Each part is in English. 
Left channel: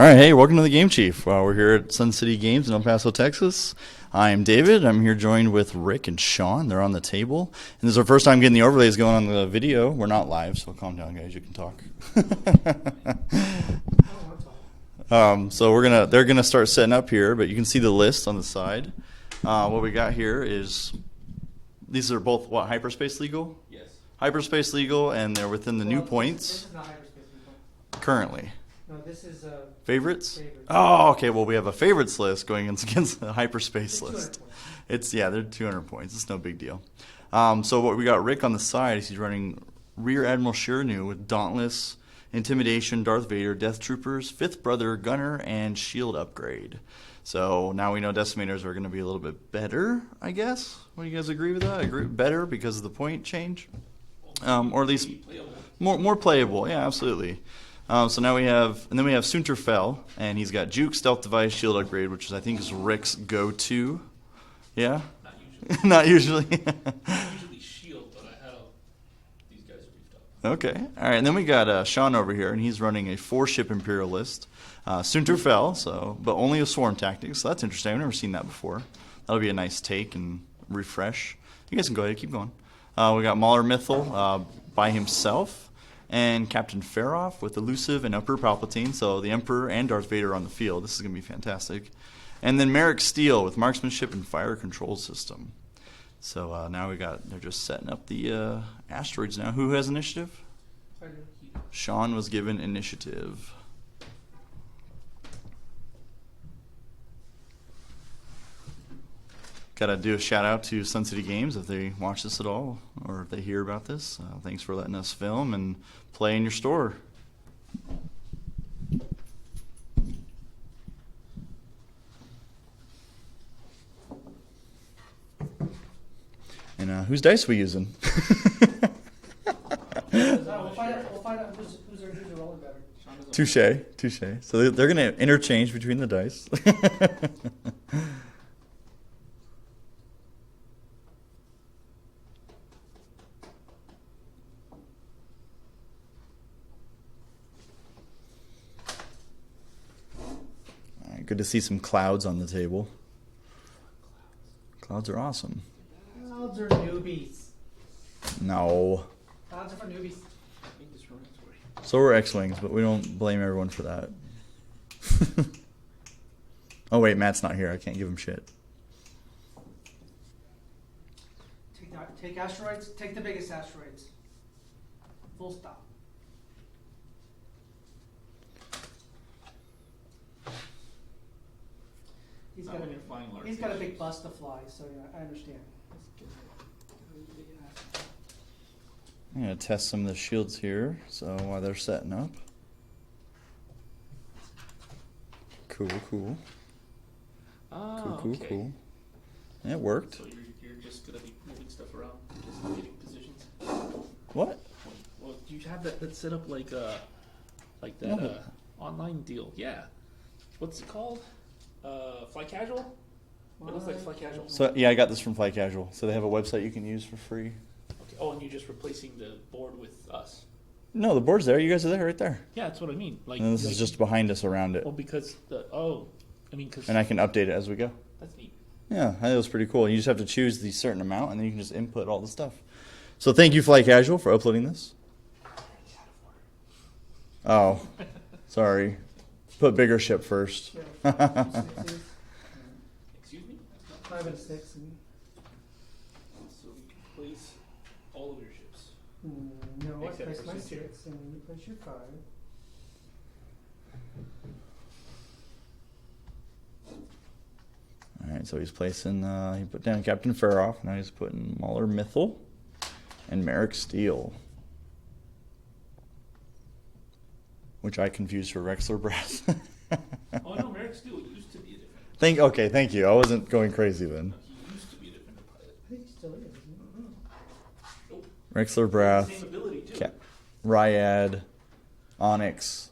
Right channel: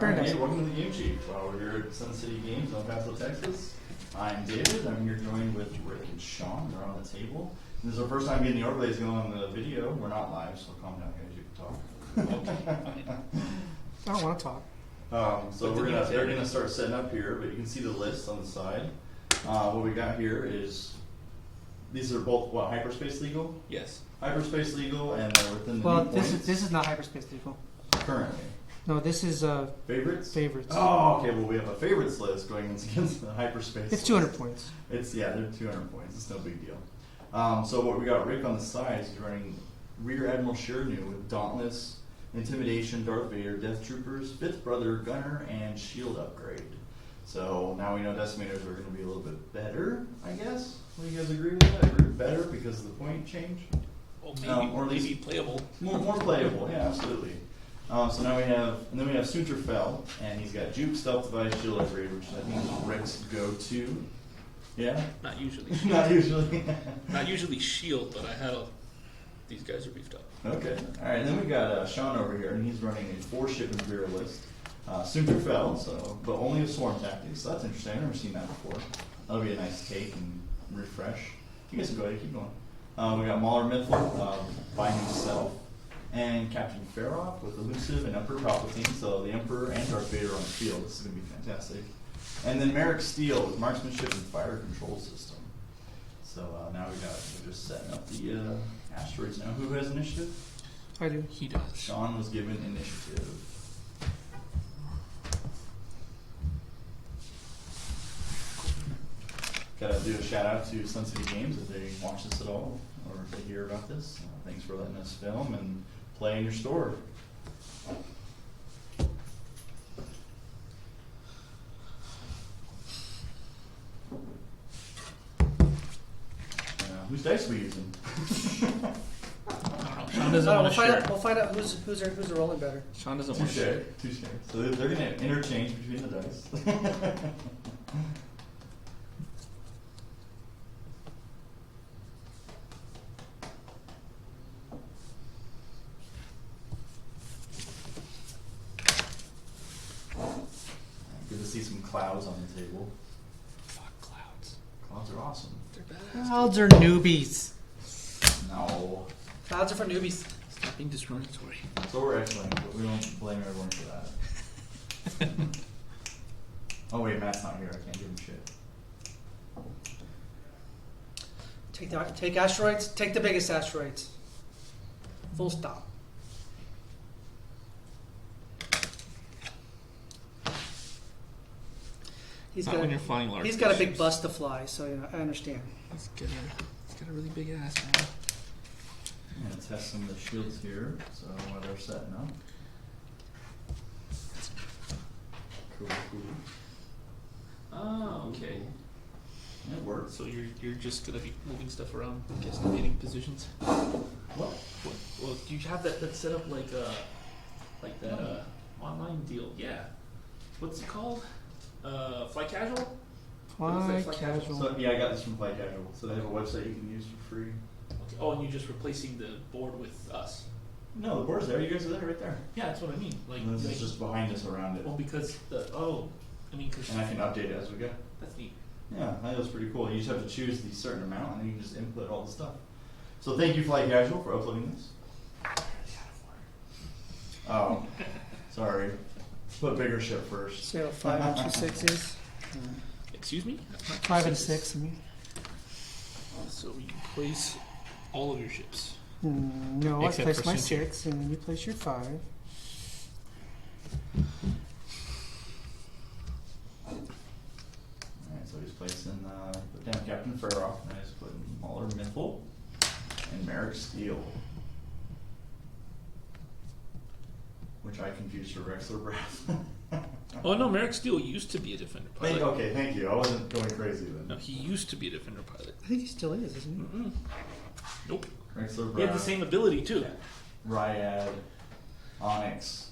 All right, hey, welcome to the Game Chief. We're here at Sun City Games in El Paso, Texas. I'm David. I'm here joined with Rick and Sean. They're on the table. And this is our first time getting the overlays going on the video. We're not live, so calm down, guys. You can talk. I don't want to talk. So they're gonna start setting up here, but you can see the list on the side. What we got here is these are both what, hyperspace legal? Yes. Hyperspace legal, and they're within the new points. This is not hyperspace legal. Currently. No, this is Favorites? favorites. Oh, okay. Well, we have a favorites list going against the hyperspace It's list. 200 points. They're 200 points. It's no big deal. So what we got Rick on the side is he's running Rear Admiral Shirnu with Dauntless, Intimidation, Darth Vader, Death Troopers, Fifth Brother, Gunner, and Shield upgrade. So now we know Decimators are going to be a little bit better, I guess. What do you guys agree with that? I agree better because of the point change? Well, or at least playable. More playable. Yeah, absolutely. So now we have Soontir, and he's got Juke, Stealth Device, Shield Upgrade, which I think is Rick's go-to. Yeah? Not usually. Not usually. Not usually Shield, but these guys are beefed up. Okay. All right, and then we got Sean over here, and he's running a 4-ship Imperialist. Soontir, but only with Swarm Tactics, so that's interesting. I've never seen that before. That'll be a nice take and refresh. You guys can go ahead, keep going. We got Mauler Mythal by himself, and Captain Feroph with Elusive and Emperor Palpatine. So the Emperor and Darth Vader on the field. This is going to be fantastic. And then Maarek Steel with Marksmanship and Fire Control System. So now they're just setting up the asteroids now. Who has initiative? I do. He does. Sean was given initiative. Gotta do a shout out to Sun City Games if they watch this at all or if they hear about this. Thanks for letting us film and play in your store. And whose dice are we using? We'll find out who's rolling better. Sean doesn't Touche. So they're gonna interchange between the dice. Good to see some clouds on the table. Fuck clouds. Clouds are awesome. They're badass. Clouds are newbies. No. Clouds are for newbies. Stop being discriminatory. So we're X-Wings, but we don't blame everyone for that. Oh wait, Matt's not here. I can't give him shit. Take asteroids. Take the biggest asteroids. Full stop. He's When you're flying large. got a big bus to fly, so yeah, I understand. He's got a really big ass, man. I'm gonna test some of the shields here. So while they're setting up. Cool. Okay. Yeah, it worked. So you're just gonna be moving stuff around, guesstimating positions. What? Well, do you have that set up like that No. online deal? Yeah. What's it called? Fly Casual? Fly casual. So yeah, I got this from Fly Casual. So they have a website you can use for free. Okay. Oh, and you're just replacing the board with us. No, the board's there. You guys are there, right there. Yeah, that's what I mean. And this is just behind us around it. Oh, because because And I can update it as we go. that's neat. Yeah, that was pretty cool. You just have to choose the certain amount, and then you can just input all the stuff. So thank you, Fly Casual, for uploading this. Oh, sorry. Put bigger ship first. See how 5 and 2 6 is? Excuse me? 5 and 6. I mean. So you can place all of your ships. No, Except I place for my Soontir. 6, and then you place your 5. Alright, so he's placing, he put down Captain Feroph. Now he's putting Mauler Mythal and Maarek Steel. Which I confused for Rexler Breath. Oh no, Maarek Steel used to be a Defender Thank pilot. you. I wasn't going crazy then. No, he used to be a Defender pilot. I think he still is, isn't he? Mm-mm. Nope. Rexler He has Breath, the same ability too. Ryad, Onyx,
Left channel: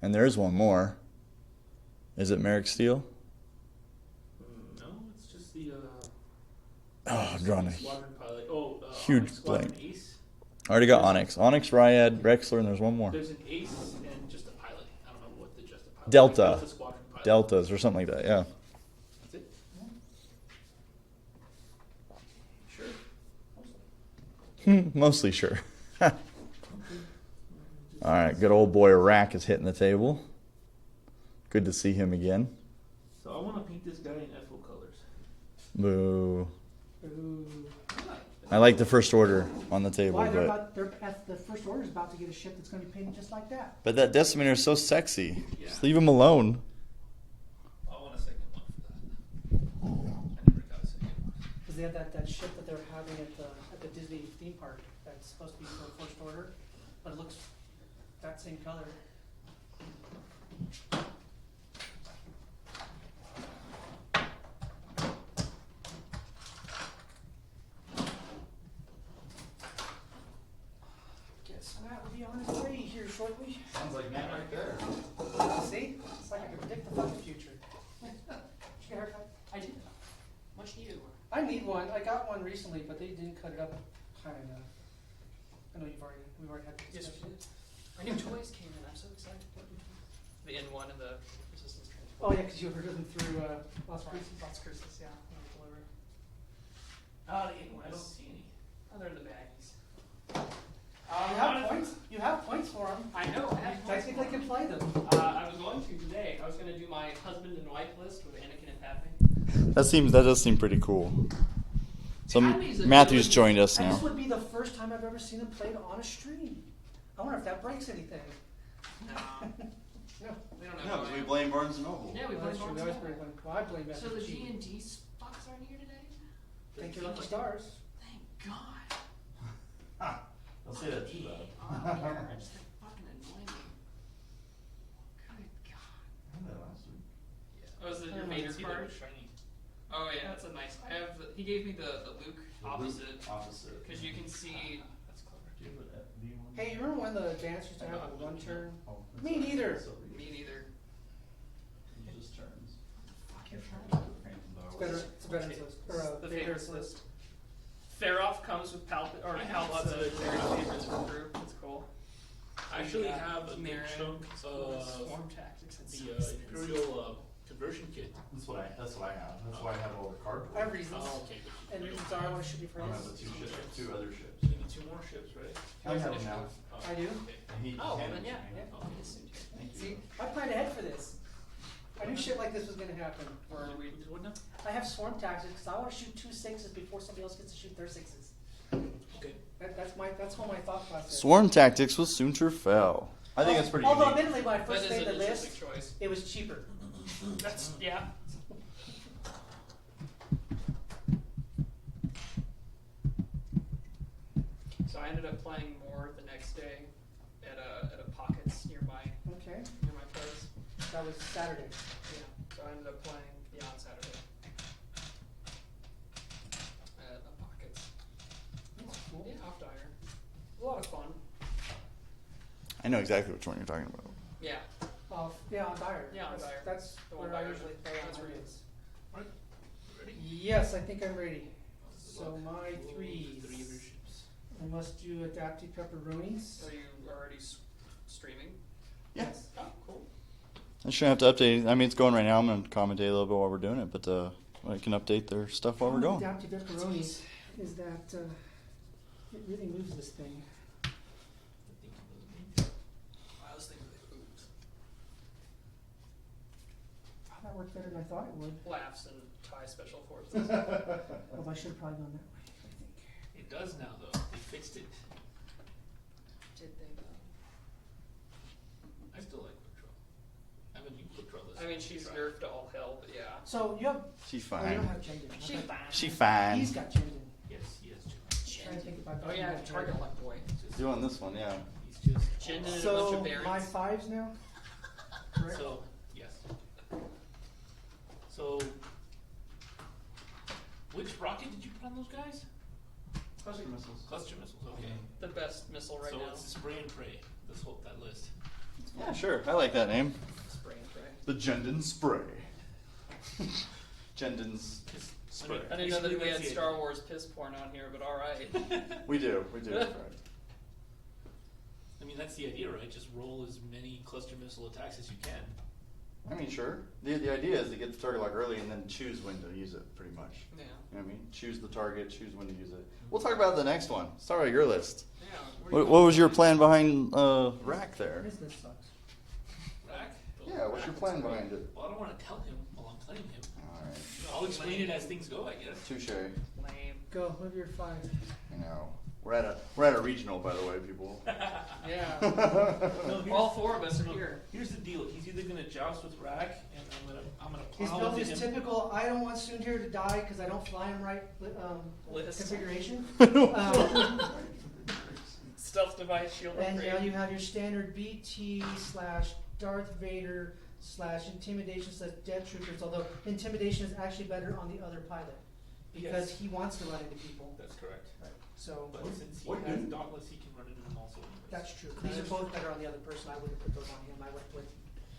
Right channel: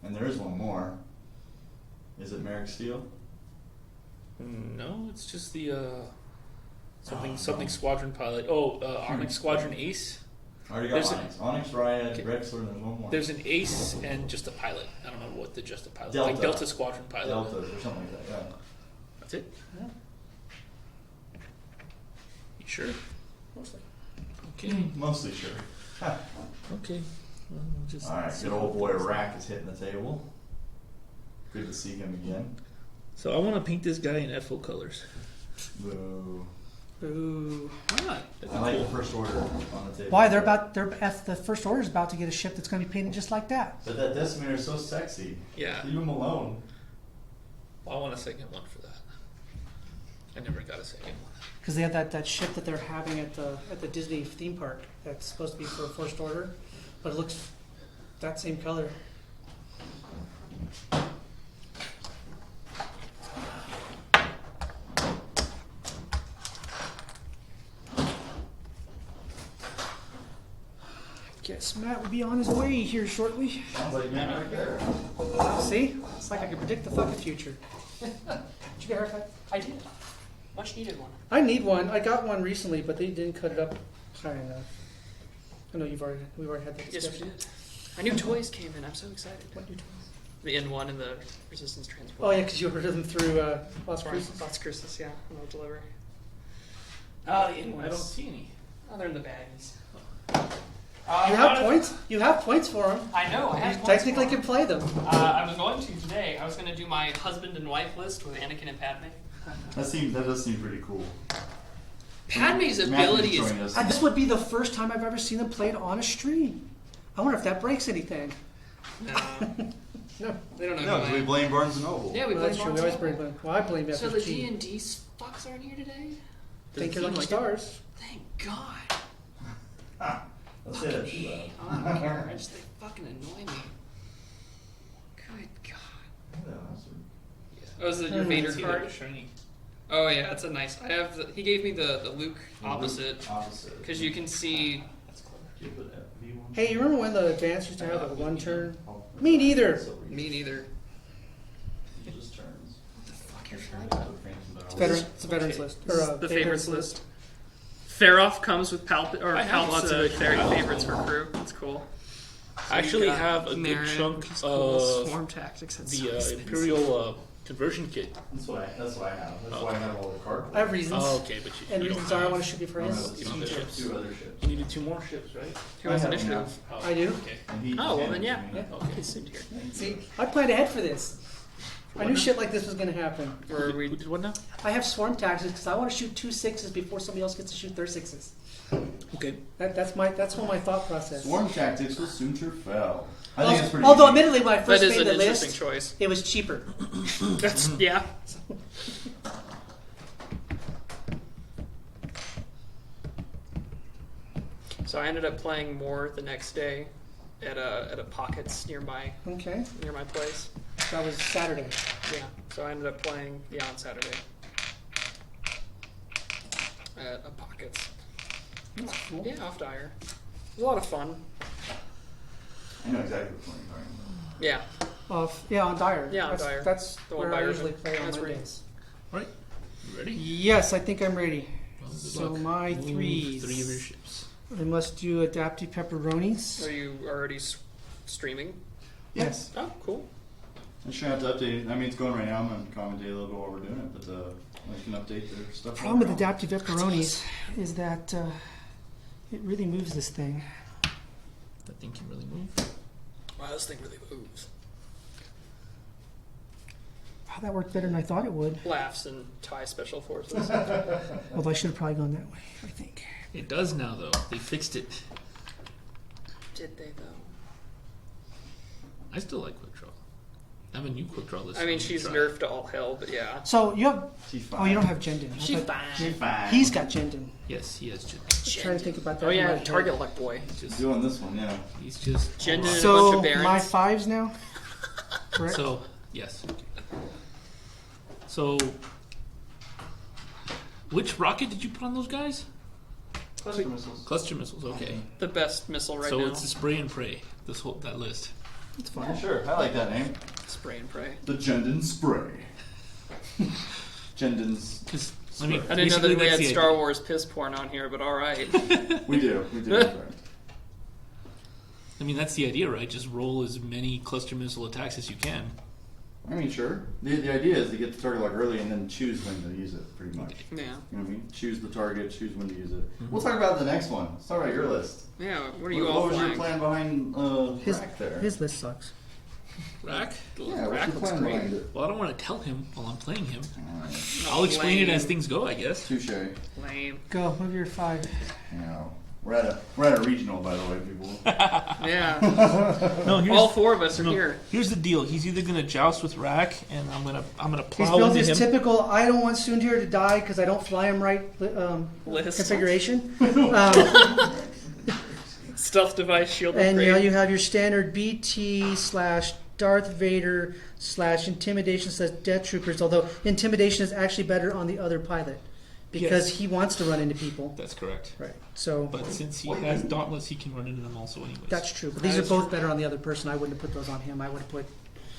and there's one more. Is it Maarek Steel? No, it's just the Oh, something God. squadron pilot. Oh, Huge Onyx Squadron blank. Ace. I already got There's Onyx. Onyx, Ryad, Rexler, and there's one more. There's an Ace and just a pilot. I don't know what with the just a pilot. Delta. Like Delta Squadron pilot. Deltas or something like that. Yeah. That's it. Yeah. You sure? Mostly. Okay. Mostly sure. Okay. Just All right, good old boy RAC is hitting the table. Good to see him again. So I want to paint this guy in FO colors. Boo. Ooh. Why not? I like the first order on the table. Why? but- The first order is about to get a ship that's going to be painted just like that. But that decimator is so sexy. Yeah. Just leave him alone. Well, I want a second one for that. I never got a second one. Because they have that ship that they're having at the Disney theme park that's supposed to be for first order, but it looks that same color. Guess Matt will be on his way here shortly. Sounds like man right there. See? It's like I can predict the fucking future. Did you get a haircut? I did. Much needed one. I need one. I got one recently, but they didn't cut it up high enough. I know we've already had that Yes, discussion. we did. My new toys came in. I'm so excited. What new toys? The N1 and the Resistance Transport. Oh yeah, because you ordered them through Las Cruces. Las Cruces, yeah. And they'll deliver. Oh, the N1s. I don't see any. Oh, they're in the baggies. You have points. You have points for them. I know. I You have points technically for can 'em. play them. I was going to today. I was going to do my husband and wife list with Anakin and Padme. That does seem pretty cool. So Padme's Matthew's ability is- joined us. This would be the first time I've ever seen them play it on a stream. I wonder if that breaks anything. No, No. they don't know. No, who because I we am. blame Barnes and Noble. Yeah, we Well, blame that's true. We always Barnes blame them. Well, I blame and that Noble. for So the cheating. D&D fucks aren't here today? Think you're lucky like it? stars. Thank God. Let's say that too loud. I don't care. I just they fucking annoy me. Good God. Oh, is it your Vader See card? that shiny. Oh yeah, that's a nice. I have. He gave me the Luke opposite Opposite. because you can see. That's clever. Do you put V1? Hey, you remember when the advance used to have the one turn? Me neither. Me neither. Just turns. What the fuck you're It's a veterans list. Or The favorites list. Feroph comes with I have lots of favorites for crew. That's cool. I actually have a good Maarek, chunk he's cool. of Swarm Tactics. That's so the expensive. Imperial conversion kit. That's what I have. That's why I have all the card. I have reasons. Oh, okay, but And you reasons don't are I have, want to shoot you for I his. have You don't two have two other ships. you needed 2 more ships, right? Who has I have initiative? Oh, I do. Okay. And he Oh, well handed then it yeah. to me. Yeah, okay, Soontir. See, I planned ahead for this. I knew shit like this was going to happen. Where we Who did what now? I have swarm taxes because I want to shoot 2 6s before somebody else gets to shoot their 6s. Okay. That's what my thought process. Swarm Tactics with Soontir fell. I think it's pretty Although, unique. admittedly, when I that first is made an the interesting list, choice. it was cheaper. That's yeah. So I ended up playing more the next day at a pockets near my Okay, place. that was Saturday. Yeah. So I ended up playing on Saturday at a pockets. Cool. Yeah, off Dyer. It was a lot of fun. I know exactly which one you're talking about. Yeah. Yeah, on Dyer. Yeah, on that's, Dyer. That's The one where by I yours. usually play on That's where you- Mondays. Right. You ready? Yes, I think I'm ready. Well, good So luck. my Ooh, threes. 3 of your ships. I must do adaptive pepperonis. Are you already streaming? Yes. Oh, cool. I shouldn't have to update. I mean, it's going right now. I'm going to commentate a little bit while we're doing it, but I can update their stuff while Problem we're with going. adaptive pepperonis is that it really moves this thing. That thing can really move. Wow, this thing really moves. Wow, that worked better than I thought it would. Laughs and TIE Special Forces. Although I should have probably gone that way, I think. It does now, though. They fixed it. Did they though? I still like quick draw. I have a new quick draw list. I mean, need to she's try. nerfed to all hell, but yeah. So you have. She's fine. Oh, you don't have Jendon. I She's thought- fine. She's fine. He's got Jendon. Yes, he has. I'm trying to think about that. Oh in yeah, my head. target luck boy. He's just. doing this one, yeah. He's just. Jendon and a bunch So of barons. my 5s now. Correct. So yes. So, which rocket did you put on those guys? Cluster missiles. Cluster missiles. Okay. The best missile right so now. it's the spray and pray. That list. It's fine. Yeah, sure. I like that name. Spray and pray. The Jendon Spray. Jendon's. Because Spray. I mean, I didn't know that basically we had that's the Star idea. Wars piss porn on here, but all right. We do. We do. Right. I mean, that's the idea, right? Just roll as many cluster missile attacks as you can. I mean, sure. The idea is to get the target lock early and then choose when to use it, pretty much. Yeah. You know what I mean? Choose the target, choose when to use it. We'll talk about the next one. Let's talk about your list. Yeah. What are you? What was your plan behind RAC there? His list sucks. RAC? Yeah, what's RAC your looks plan great. behind it? Well, I don't want to tell him while I'm playing him. Alright. I'll explain it as Lame. things go, I guess. Touche. Lame. Go, move your 5. You know. We're at a regional, by the way, people. Yeah. No, here's, All 4 of us are no, here. here's the deal. He's either gonna joust with RAC, and I'm gonna He's plow built into his him. typical, I don't want Soontir to die because I don't fly him right List. configuration. Stealth device, shield And upgrade. you know, you have your standard BT / Darth Vader / intimidation / death troopers, although intimidation is actually better on the other pilot because Yes. he wants to run into people. That's correct. Right. So But since he has Dauntless, he can run into them also anyways. that's true. But these are both better on the other person. I wouldn't have put those on him. I would have put.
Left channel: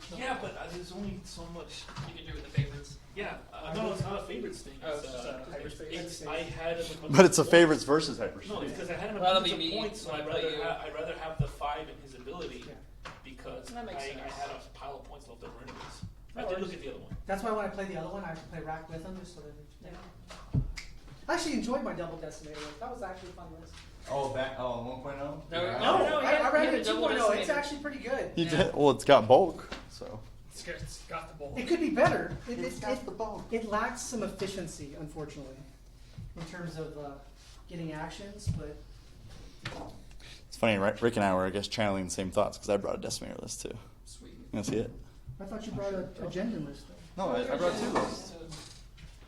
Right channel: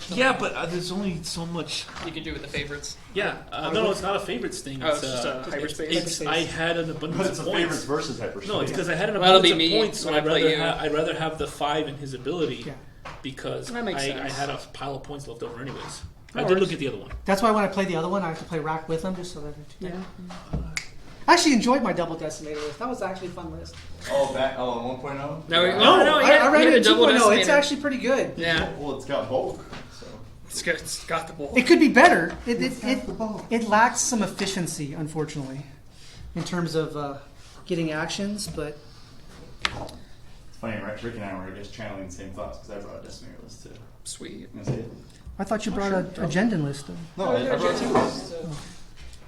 Yeah, but there's only so much. You can do with the favorites. Yeah, no, it's not a favorites thing. Oh, it's just a hyperspace? It's, I had an abundance. But it's a of points. favorites versus hyperspace. No, it's because I had an Well, that'll abundance be of me points, so when I play you. I'd rather have the 5 in his ability Yeah. because That makes I sense. had a pile of points left over anyways. That I did works. look at the other one. That's why when I play the other one, I have to play RAC with him just so that. Yeah. I actually enjoyed my double decimator list. That was actually a fun list. Oh, 1.0? No, I ran had it a double 2.0. It's decimator. actually pretty good. Yeah. Well, it's got bulk. So. It's got the ball. It could be better. It's got the bulk. It lacks some efficiency, unfortunately, in terms of getting actions. But It's funny, right? Rick and I were, I guess, channeling the same thoughts because I brought a decimator list too. Sweet. You want to see it? I thought you brought a agenda list, though. No, I brought 2 lists.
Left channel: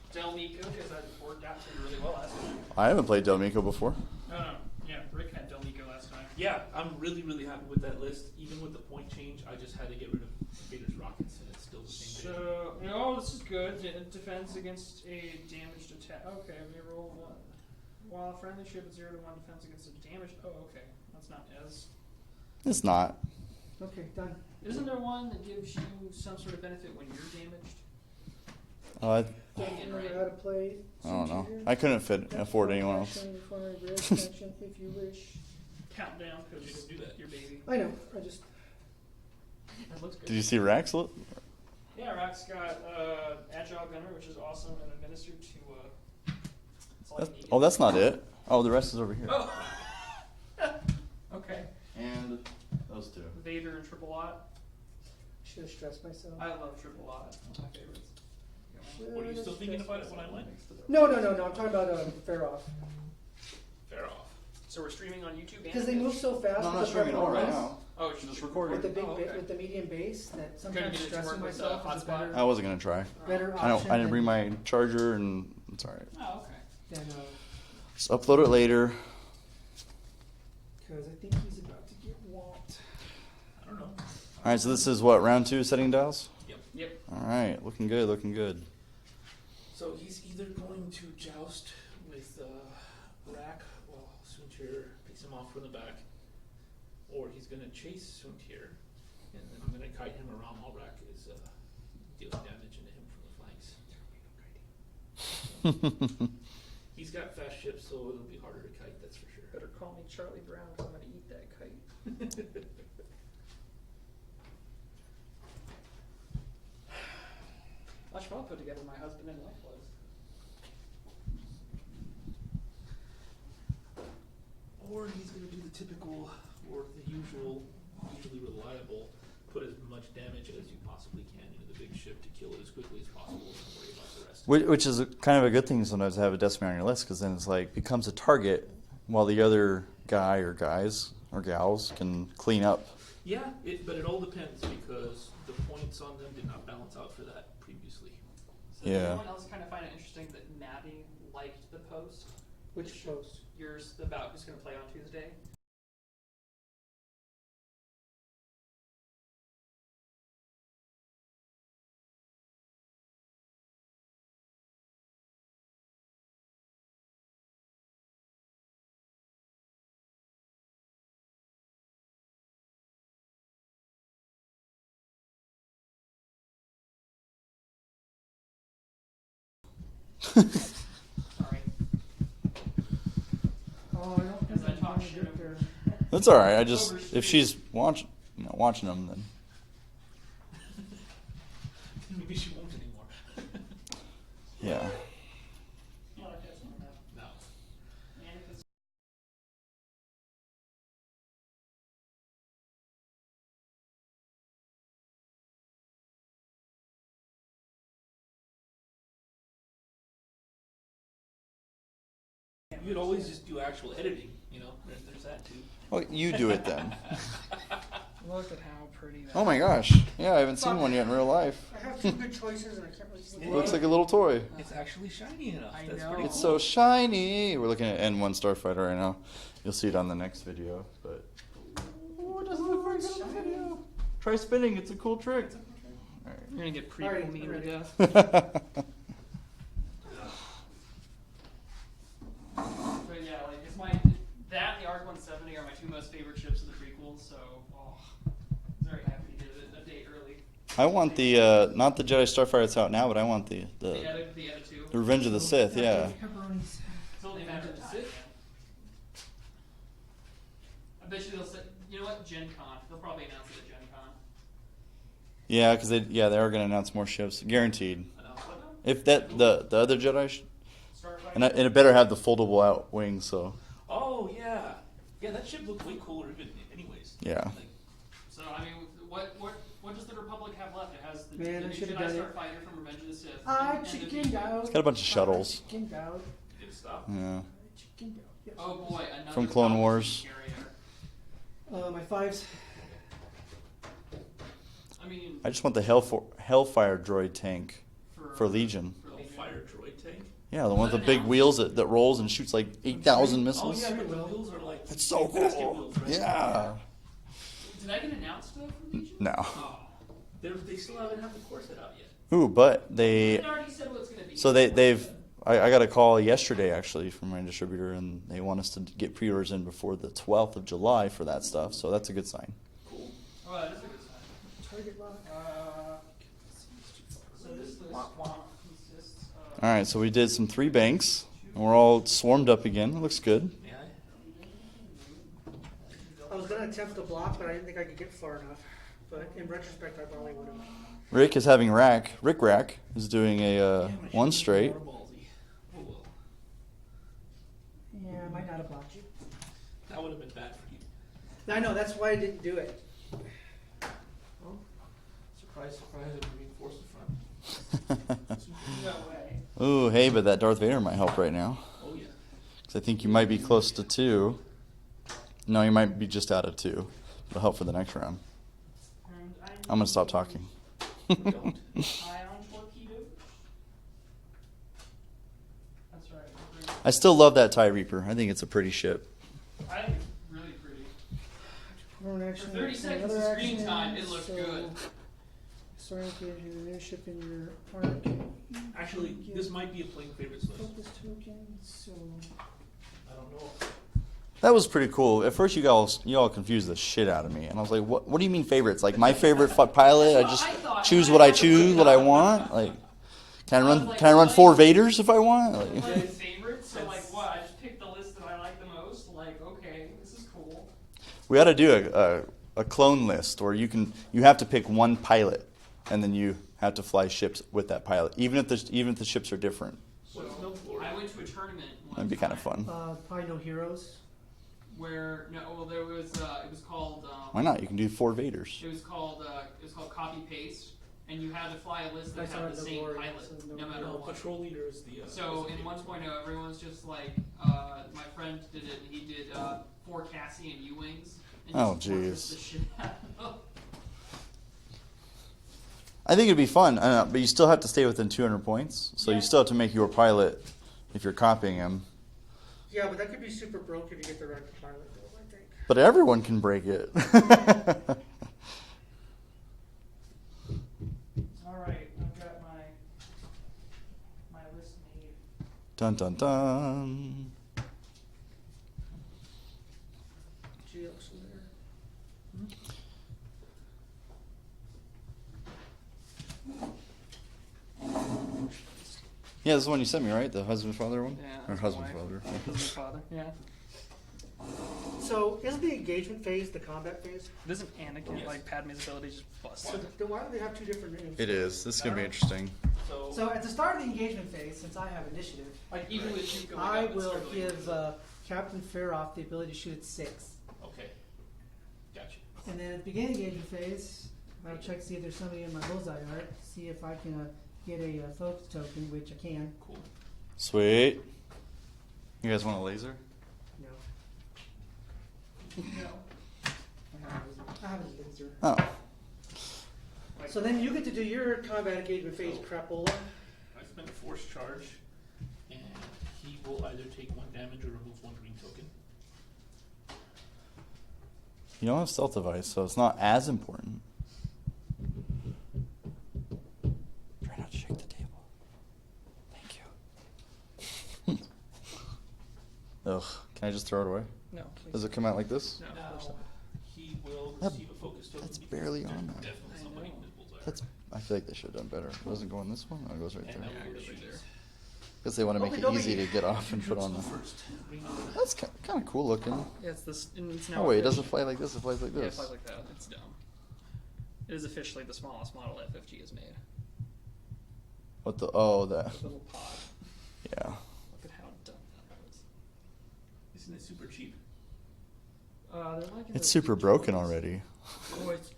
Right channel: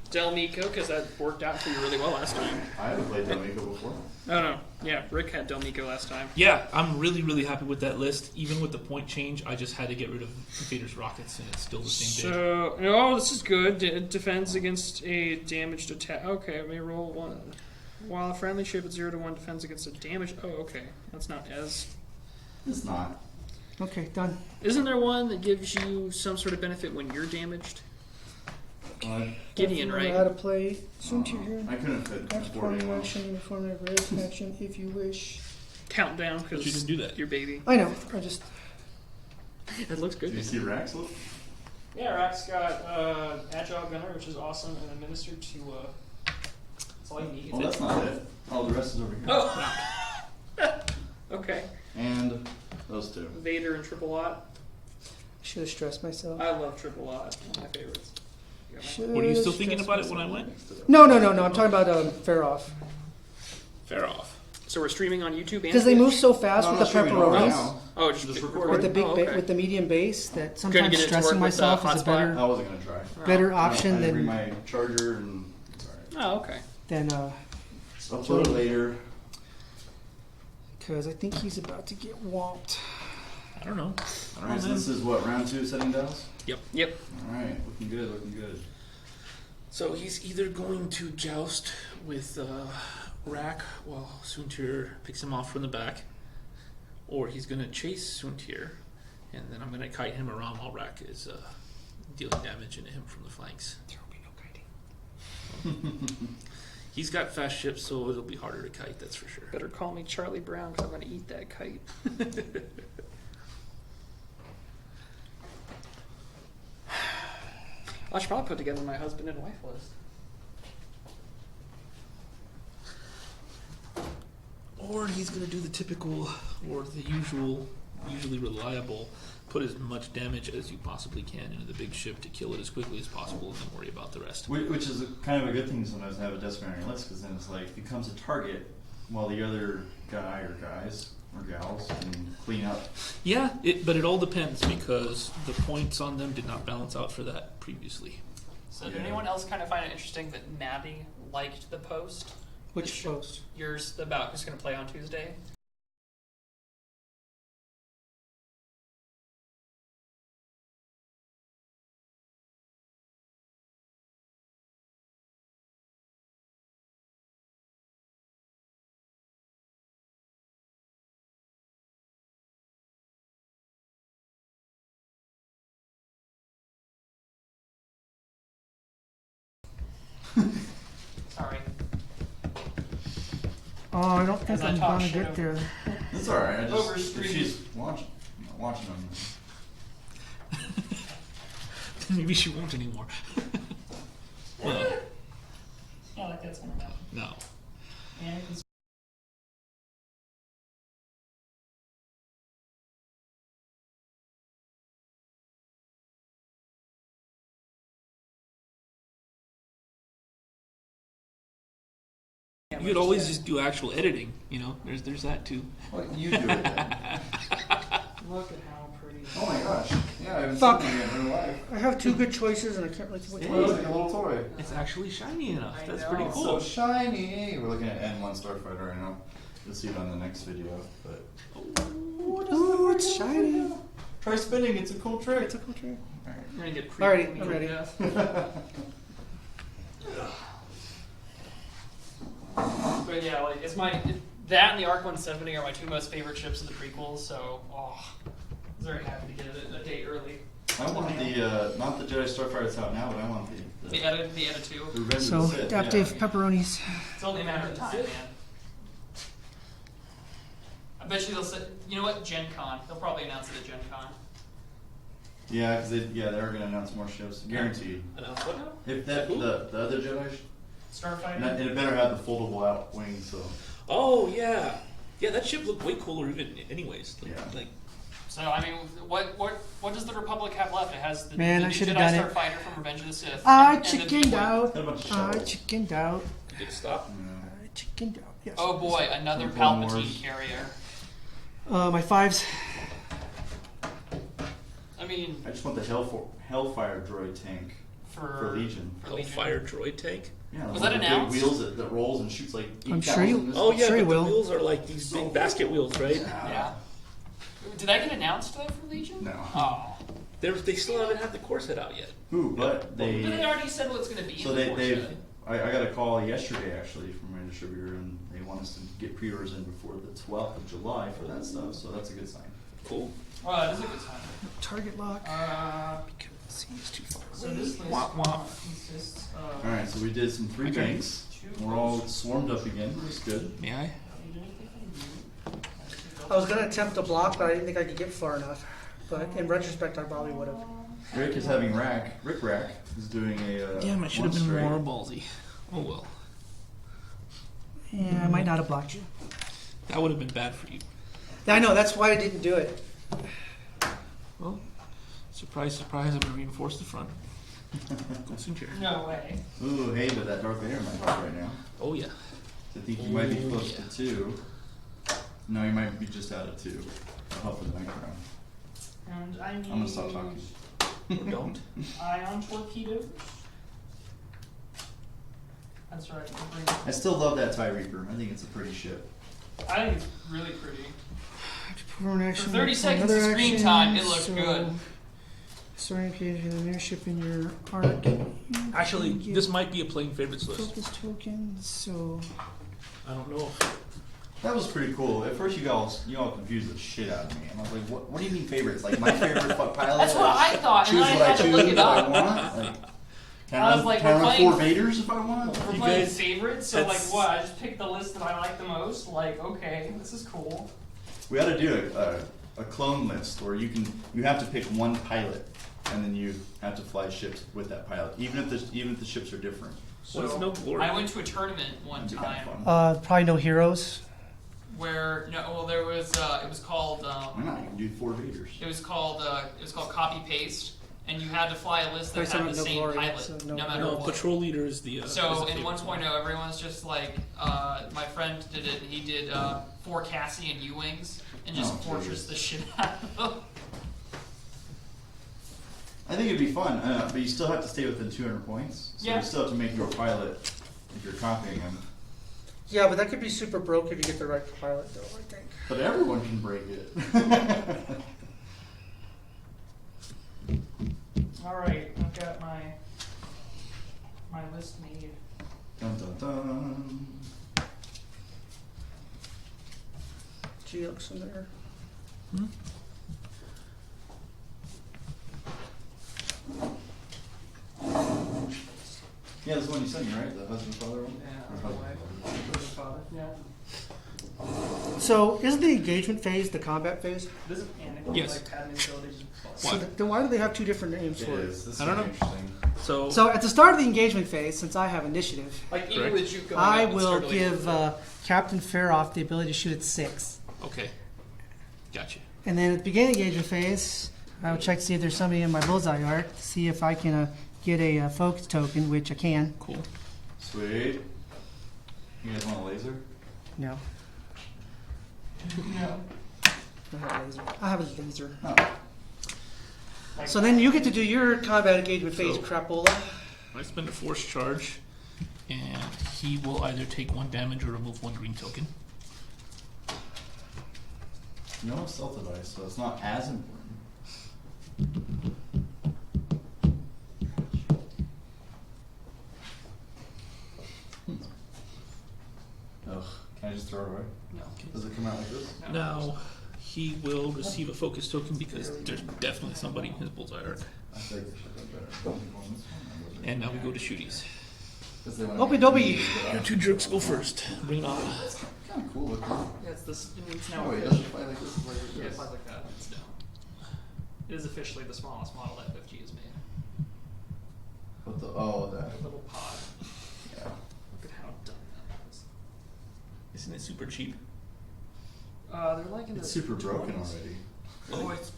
Del Mico, because that worked out for you really well last time. I haven't played Del Mico before. Oh no, yeah, Rick had Del Mico last time. Yeah, I'm really, really happy with that list. Even with the point change, I just had to get rid of Vader's rockets, and it's still the same day. So, oh, this is good. Defends against a damaged attack. Okay, let me roll 1. While a friendly ship at 0 to 1 defends against a damage. Oh, okay, that's not as. It's not. Okay, done. Isn't there one that gives you some sort of benefit when you're damaged? Gideon, right? How to play I don't know. Soontir. I couldn't afford anyone else. Action if you wish. Countdown, But you because didn't do that. your baby. I know. I just. It looks good. Did you see Rax look? Yeah, RAC's got Agile Gunner, which is awesome, and administered to. That's all you need. Oh, that's not it. Oh, the rest is over here. Oh! Okay. And those 2. Vader and Triple Aught. Should have stressed myself. I love Triple Aught. One of my favorites. Were you still thinking about it when I went? No. I'm talking about Feroph. Feroph. So we're streaming on YouTube and Because they move so fast No, with not the showing it right pepperonis, now. Oh, just Just recording. with the big Oh, okay. with the medium base, that Gonna sometimes get it to work stressing with the myself is a hotspot? better I wasn't gonna try. better I option didn't bring than my charger, and it's alright. Oh, okay. Just upload it later. because I think he's about to get whomped. I don't know. All right, so this is what, round 2 setting dials? Yep. All right, looking good, looking good. So he's either going to joust with RAC while Soontir picks him off from the back, or he's going to chase Soontir, and then I'm going to kite him around while RAC is dealing damage into him from the flanks. There will be no kiting. He's got fast ships, so it'll be harder to kite, that's for sure. Better call me Charlie Brown, because I'm going to eat that kite. I should probably put together my husband and wife list. Or he's going to do the typical, or the usually reliable, put as much damage as you possibly can into the big ship to kill it as quickly as possible, and then worry about the rest. Which is kind of a good thing sometimes to have a decimator on your list, because then it's like, becomes a target while the other guy or guys or gals can clean up. Yeah, but it all depends, because the points on them did not balance out for that previously. So Yeah. did anyone else kind of find it interesting that Maddie liked the post? Which post? Yours about who's going to play on Tuesday? Sorry. Oh, I don't think As I I'm talk gonna shit get over- there. That's all right. I just Overstreet. if she's watching them, then Maybe she won't anymore. Yeah, like that's one of No. And You could always just do actual editing, you know. There's that too. well, you do it then. look at how pretty. Oh my gosh! Yeah, I haven't Fuck. seen one yet in real life. I have two good choices and I can't really think which It one. looks like a little toy. It's actually shiny enough. I That's know. pretty It's cool. so shiny. We're looking at N1 Starfighter right now. You'll see it on the next video. But Ooh, it's shiny. try spinning. It's a cool trick. It's a cool trick. You're gonna get Alrighty, creepy I'm with ready. death. But yeah, like it's that and the ARC 170 are my two most favorite ships of the prequels. So, I was very happy to get it a day early. I want the not the Jedi Starfighter that's out now, but I want the The edit 2. Revenge of the So, Sith. Dave, Yeah. pepperonis. It's only a matter of time, man. I bet you they'll say, you know what, Gen Con. They'll probably announce it at Gen Con. Yeah, because they are going to announce more ships, guaranteed. Announce what now? If that the other Jedi, Starfighter. and it better have the foldable out wings. So Oh yeah, yeah. That ship looked way cooler even anyways. yeah. Like, So I mean, what does the Republic have left? It has the, Man, the I new should've Jedi done it. Starfighter from Revenge of the Sith. I and the chickened B-wing. out. Got a bunch of I shuttles. chickened out. did it stop? Yeah. I chickened out. Yes. Oh boy, another From Clone Palpatine Wars. carrier. My fives. I mean, I just want the Hellfire droid tank for Legion. For Legion. Hellfire droid tank. Yeah, the Was one that with the big announced? wheels that rolls and shoots like I'm sure 8,000 you- missiles. Oh yeah, Sure he but the will. wheels are like these so big basket cool. wheels, right? Yeah. Did that get announced though for Legion? No. Oh. They still haven't had the core set out yet. Ooh, but They they. already said what it's going to be. So of course, they've. but- I got a call yesterday actually from my distributor, and they want us to get pre-orders in before the 12th of July for that stuff. So that's a good sign. Cool. Well, that is a good sign. Target lock. See, it's too far So away. this list Wah, wah. consists of. All right, so we did some 3 banks. And we're all swarmed up again. It looks good. May I? I was gonna attempt to block, but I didn't think I could get far enough. But in retrospect, I probably would have. Rick is having RAC. Rick Rack is doing a Damn, I should one have been straight. more ballsy. Oh well. Yeah, I might not have blocked you. That would have been bad for you. Yeah, I know. That's why I didn't do it. Well, surprise, surprise, I'm gonna reinforce the front. Soontir. No way. Ooh, hey, but that Darth Vader might help right now. Oh yeah. 'Cause I think you might be close to 2. No, you might be just out of 2. It'll help for the next round. And I need I'm gonna stop talking. Don't. Ion torpedoes. That's right. we'll bring- I still love that TIE Reaper. I think it's a pretty ship. I think it's really pretty. For 30 seconds of screen time, it looks good. Sorry, engaging the new ship in your arc. Actually, this might be a playing favorites list. Focus token. So I don't know. That was pretty cool. At first, you all confused the shit out of me, and I was like, "What? What do you mean favorites? Like my favorite fuck pilot? That's what I just I thought, and choose I what I had to look choose, it what I up. want. Like, can I I was run? like, Can I we're run playing- 4 Vaders if I want? We're Like, playing guys- favorites, so like that's- what? I just picked the list that I like the most. Like, okay, this is cool. we ought to do a clone list where you have to pick one pilot, and then you have to fly ships with that pilot, even if the ships are different. What is So, no glory? I went to a tournament one That'd be time kind of fun. probably no heroes. where there was it was called Why not? You can do 4 Vaders. it was called copy paste, and you had to fly a list that There's had no the same glory, pilot so no, no- matter No, what. patrol leader is the. So is the in favorite 1.0, everyone's just like, my friend did it. He did 4 Cassian U-wings and just Oh, fortress jeez. the shit out of them. I think it'd be fun, but you still have to stay within 200 points. So Yeah. you still have to make your pilot if you're copying him. Yeah, but that could be super broke if you get the right pilot, though. I think. But everyone can break it. All right, I've got my list made. Dun dun dun. GX in there. Yeah, this is the one you sent me, right? The husband father one? Yeah, Or husband wife. father. Father, yeah. So isn't the engagement phase the combat phase? Doesn't Anakin Yes. like Padme's ability just bust? What? Then why do they have two different names? It for is. This is I gonna be don't interesting. So, So at the start of the engagement phase, since I have initiative, Like even Correct. with you going I up, it's will sort of like- give Captain Feroph the ability to shoot at 6. okay. Gotcha. And then at the beginning of the engagement phase, I will check to see if there's somebody in my bullseye arc, to see if I can get a focus token, which I can. Cool. Sweet. You guys want a laser? No. I have a laser. Oh. So then you get to do your combat engagement phase, So- crapola. I spend a force charge, and he will either take 1 damage or remove 1 green token. You don't have stealth device, so it's not as important. Try not to shake the table. Thank you. Ugh. Can I just throw it away? No. Does it come out like this? Now, he will receive a focus token because Barely. there's definitely somebody in his bullseye arc. I feel like they should have done better. Was it going this one or goes right And here? now we go to shooties. Because they want to Opie make it Dobie. easy to get Your off. 2 and jerks put go on. first. Bring it on. That's kind of cool looking. Yeah, it's this. It's now Oh wait, it doesn't official- fly like this. It flies like Yeah, it this. flies like that. It's down. It is officially the smallest model that FFG has made. What the? Oh, that. A little pod. Yeah. Look at how dumb that is. Isn't it super cheap? They're like in It's the super broken 20s. already. Oh, it's,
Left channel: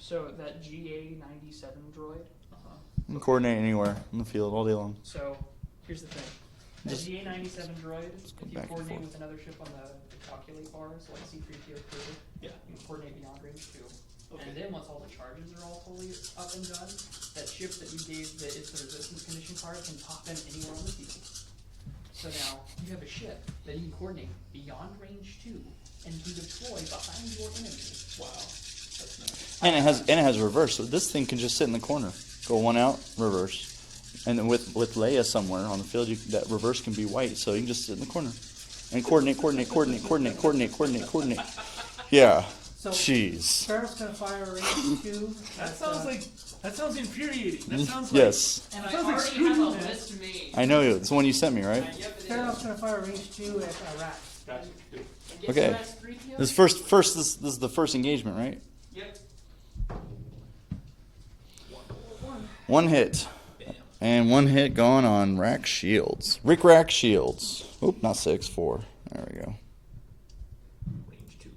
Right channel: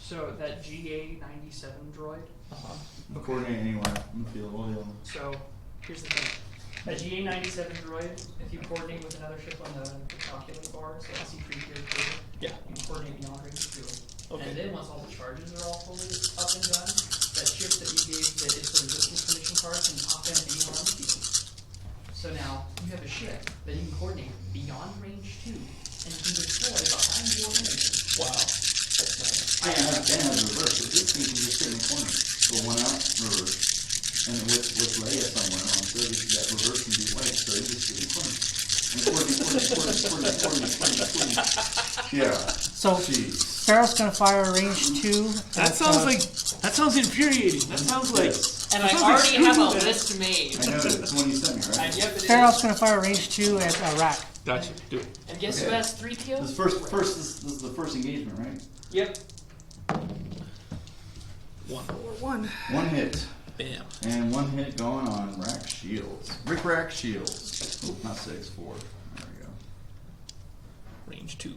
so that GA97 droid. You can coordinate anywhere in the field all day long. So here's the thing. A GA97 droid, if you coordinate with another ship on the calculate bar, so the C3 here, Yeah. you can coordinate beyond range too. Okay. And then once all the charges are all fully up and done, that ship that you gave the is the resistance condition card can pop in any one of these. So now you have a ship that you can coordinate beyond range 2 and you can deploy behind your range. Wow. That's nice. And it has reverse. So this thing can just sit in the corner. Go one out, reverse. And then with Leia somewhere on the field, that reverse can be white, so you can just sit in the corner. And coordinate. Yeah. So Jeez. Feroph's gonna fire a range 2. That sounds infuriating. That sounds like. Yes. And That I sounds like already have a Superman. list made. I know it. It's the one you sent me, right? And yep, it Feroph's is. gonna fire a range 2 at RAC. Gotcha. Do it. And guess Okay. who has 3 POs? This is the first engagement, right? Yep. 1. One hit. Bam. And one hit going on RAC shields. Rack shields. Oop, not 6, 4. There we go. Range 2.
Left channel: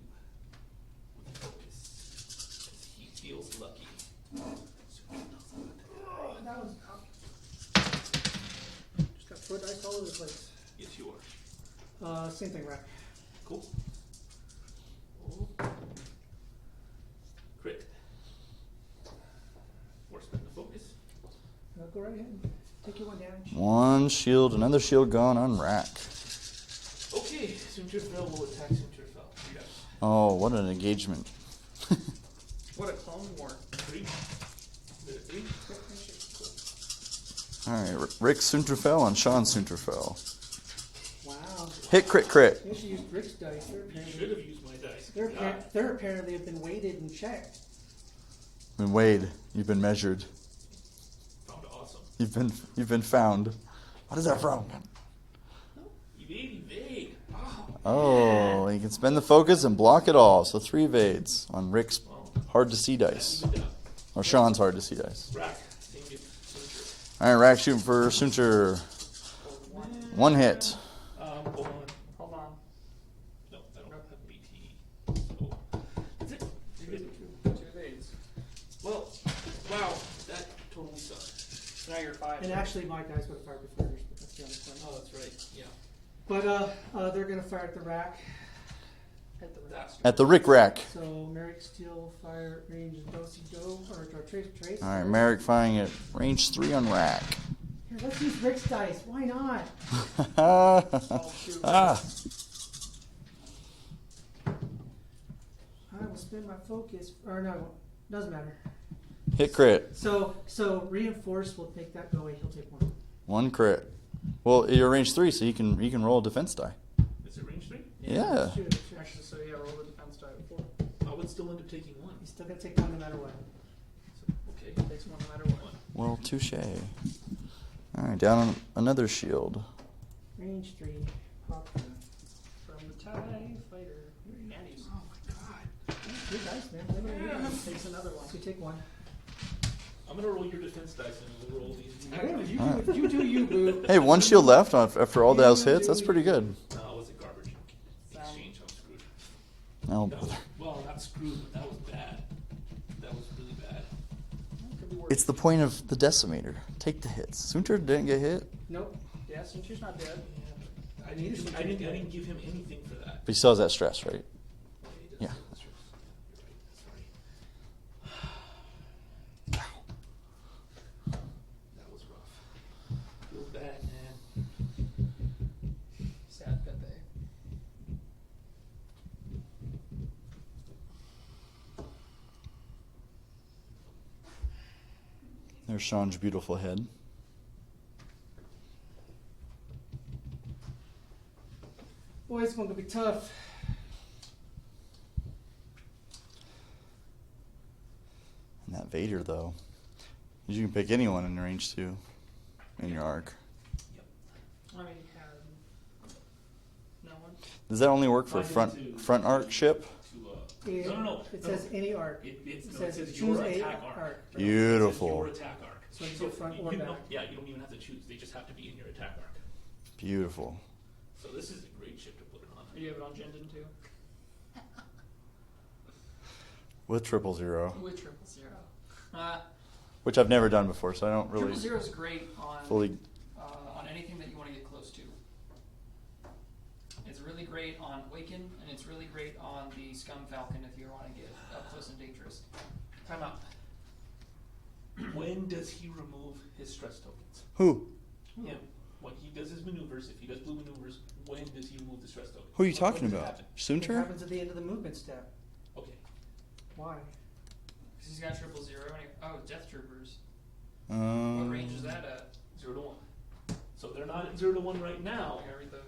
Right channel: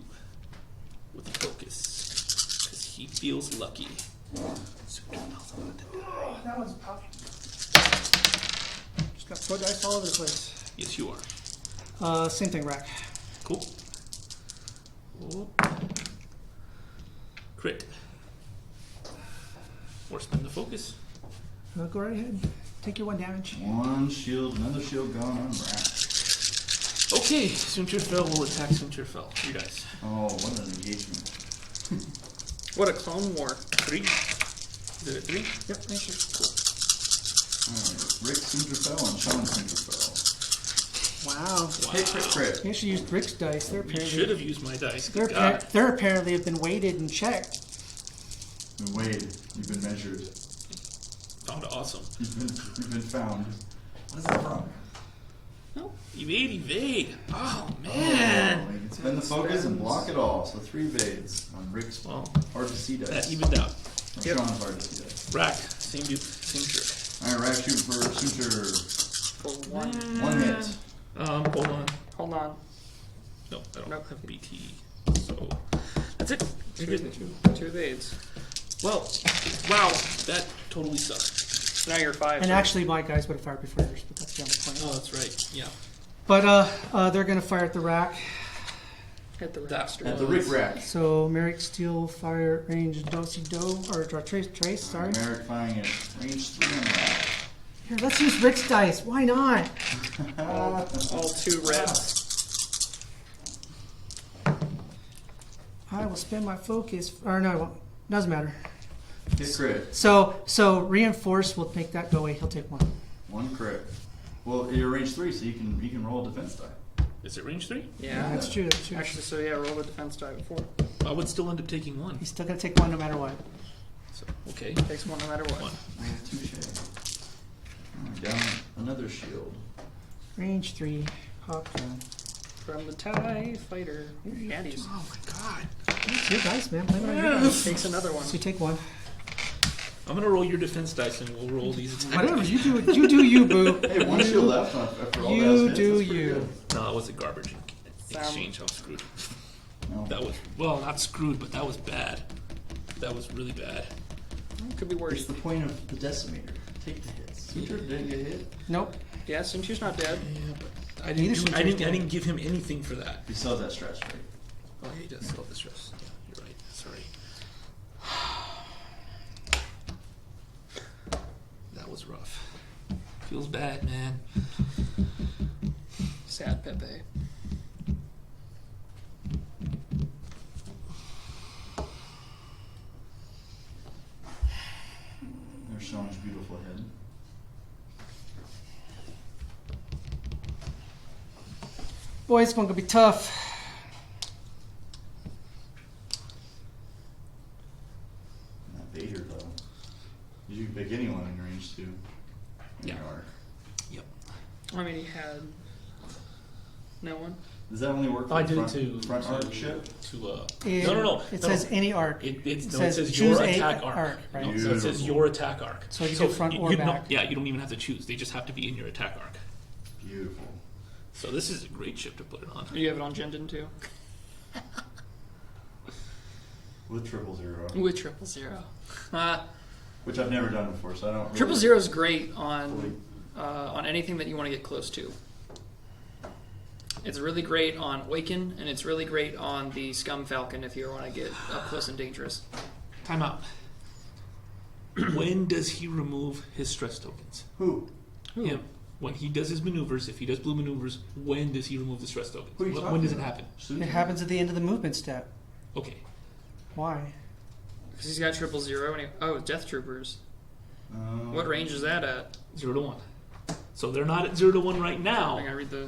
With the focus. Because he feels lucky. Super That one's tough. Just got throw dice all over the place. Yes, you are. Same thing, RAC. Cool. Oh. Crit. Or spend the focus. Go right ahead. Take your 1 damage. One shield, another shield gone on RAC. Okay, Soontir fell will attack Soontir fell. 3 dice. Oh, what an engagement. What a Clone War. 3. Is it a 3? Yep, thank you. Alright, Rick Soontirfell and Sean Soontirfell. Wow. Hit, crit. You should use Rick's dice. They're You apparently, should have used my dice. they're, Good God. they're apparently have been weighted and checked. And Wade, you've been measured. Found awesome. You've been found. What is that from? No. Evade. Oh, man. Oh, you can spend the focus and block it all. So 3 evades on Rick's Well, hard to see that dice. evened out. Or Sean's hard to see dice. Rack. Same trick. Alright, RAC shooting for Soontir. For 1. One hit. Hold on. Hold on. No, I don't Nope. have BT. So that's it. You're good. 2 evades. Well, wow, that totally sucks. So now you're 5. And actually, my guys would have fired before yours, but that's the other point. Oh, that's right. Yeah. But they're going to fire at the RAC. Hit the That- raster. At the Rick Rack. So Maarek Steel fire at range do or trace. Sorry. Alright, Maarek firing at range 3 on RAC. Here, let's use Rick's dice. Why not? All 2 reds. I will spend my focus. Or no, I won't. Doesn't matter. Hit crit. So reinforce will make that go away. He'll take 1. One crit. Well, you're range 3, so you can roll a defense die. Is it range 3? Yeah. That's true. That's true. Actually, so yeah, roll the defense die before. I would still end up taking 1. He's still gonna take 1 no matter what. So, okay. Takes 1 no matter what. 1. Well, touche. Alright, down another shield. Range 3. Hop down. from the TIE Fighter. Daddies. Oh my god. It's your dice, man. Play whatever you want. Takes another one. So you take one. I'm gonna roll your defense dice and we'll roll these. Whatever, you do it. You do you, boo. Hey, one shield left after all those You hits. That's do pretty you. good. No, that was a garbage exchange. I'm screwed. No. That was, well, not screwed, but that was bad. That was really bad. Could be worse. It's the point of the decimator. Take the hits. Soontir didn't get hit. Nope. Yeah, Soontir's not dead. Yeah, but I Neither didn't, should I take didn't, I that. didn't give him anything for that. He still has that stress, right? Oh, yeah, he does Yeah. still have the stress. Yeah, you're right. Sorry. That was rough. Feels bad, man. Sad Pepe. There's Sean's beautiful head. Boy, it's going to be tough. And that Vader, though. You can pick anyone in range 2 in your arc. Yep. I mean, he had no one. Does that only work for I the did front, it to front arc ship? No. It says any arc. It says says choose your a attack arc. arc, right? No, so it says Beautiful. your attack arc. So you do front or you don't- back. yeah, you don't even have to choose. They just have to be in your attack arc. Beautiful. So this is a great ship to put it on. You have it on Jendon too. With 000. With 000. Which I've never done before, so I don't really... 000 is great fully- on anything that you want to get close to. It's really great on Awaken, and it's really great on the Scum Falcon if you want to get up close and dangerous. Time out. When does he remove his stress tokens? Who? Him. When he does his maneuvers, if he does blue maneuvers, when does he remove the stress tokens? Who are you talking When does about? it happen? Soontir? It happens at the end of the movement step. Okay. Why? Because he's got 000 and oh, Death Troopers. Um, What range is that at? 0 to 1. So they're not at 0 to 1 right now. I gotta read the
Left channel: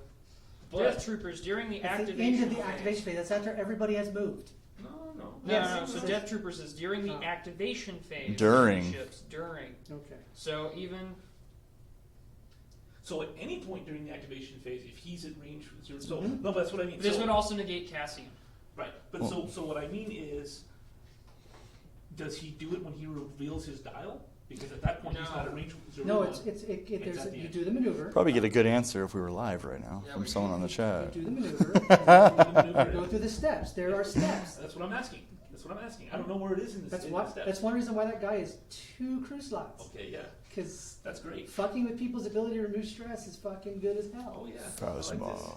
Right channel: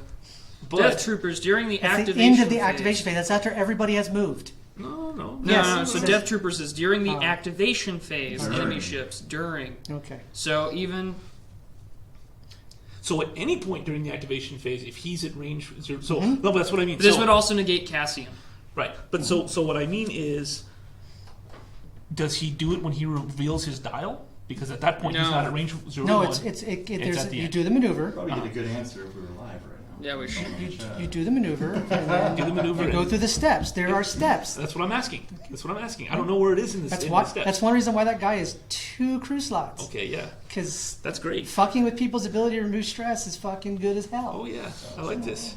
But Death Troopers during the At the activation end of the phase. activation phase. That's after everybody has moved. no. No, Yes, no, it so says- Death Troopers is during the Oh. activation phase. During. Enemy ships during. Okay. So even So at any point during the activation phase, if he's at range 0, so Mhm. no, but that's what I mean. this So- would also negate Cassian. right, but so what I mean is, does he do it when he reveals his dial? Because at that point he's No. not at range 0 No, to 1. there's at the you end. do the maneuver. Probably get a good answer if we were live right now. Yeah, from we someone on the chat. You do the maneuver. And then Do the maneuver. you go and- through the steps. There are steps. That's what I'm asking. That's what I'm asking. I don't know where it is in this. That's in why. the steps. That's one reason why that guy is 2 crew slots. Okay, yeah, Because that's great. fucking with people's ability to remove stress is fucking good as hell. Oh yeah, I like this.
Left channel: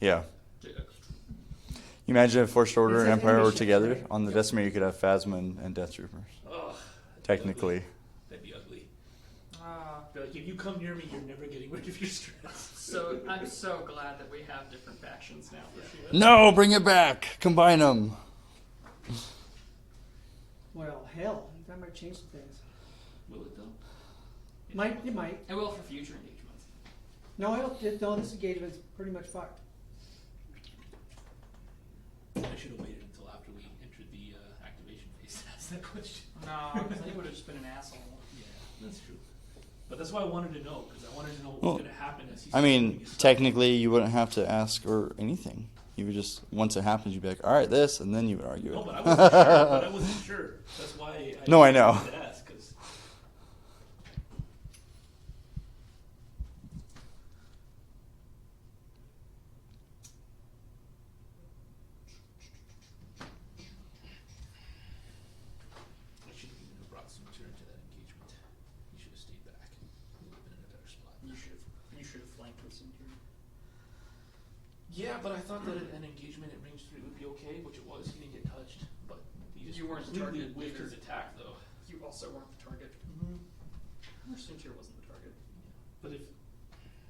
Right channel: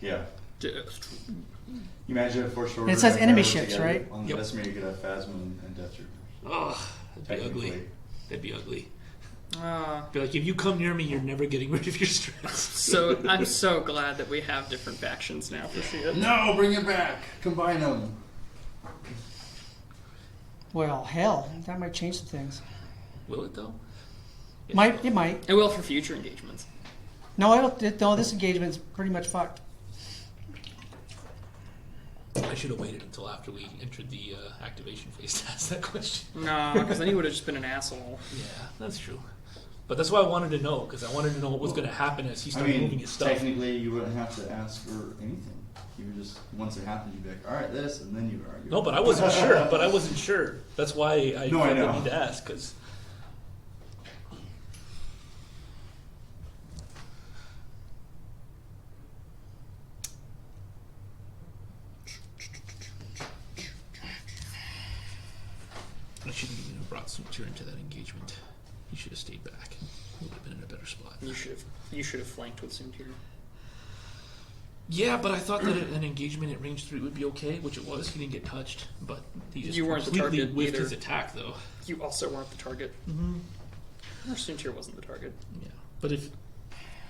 Yeah. Death You imagine if First Order It says and enemy Empire were ships, together. right? On the Yep. Decimator, you could have Phasma and Death Troopers. Oh, that'd Technically. be ugly. That'd be ugly. Uh, Be like, if you come near me, you're never getting rid of your stress. so I'm so glad that we have different factions now for shit. No, bring it back. Combine them. Well, hell, that might change some things. Will it though? Yeah. It might. It will for future engagements. No, I don't. No, this engagement's pretty much fucked. I should have waited until after we entered the activation phase to ask that question. No, because then he would have just been an asshole. Yeah, that's true. But that's why I wanted to know, because I wanted to know what was going to happen as he I started moving mean, his stuff. technically, you wouldn't have to ask or anything. You would just, once it happens, you'd be like, all right, this, and then you would argue. No, but I wasn't sure. But I wasn't sure. That's why I No, I know. wanted to ask, because I shouldn't even have brought Soontir into that engagement. He should have stayed back. He would have been in a better spot. You should have flanked with Soontir. Yeah, but I thought that an engagement at range 3 would be okay, which it was. He didn't get touched, but he just You weren't the completely target whiffed either. his attack, though. You also weren't the target. Mm-hmm. Or Soontir wasn't the target. Yeah, but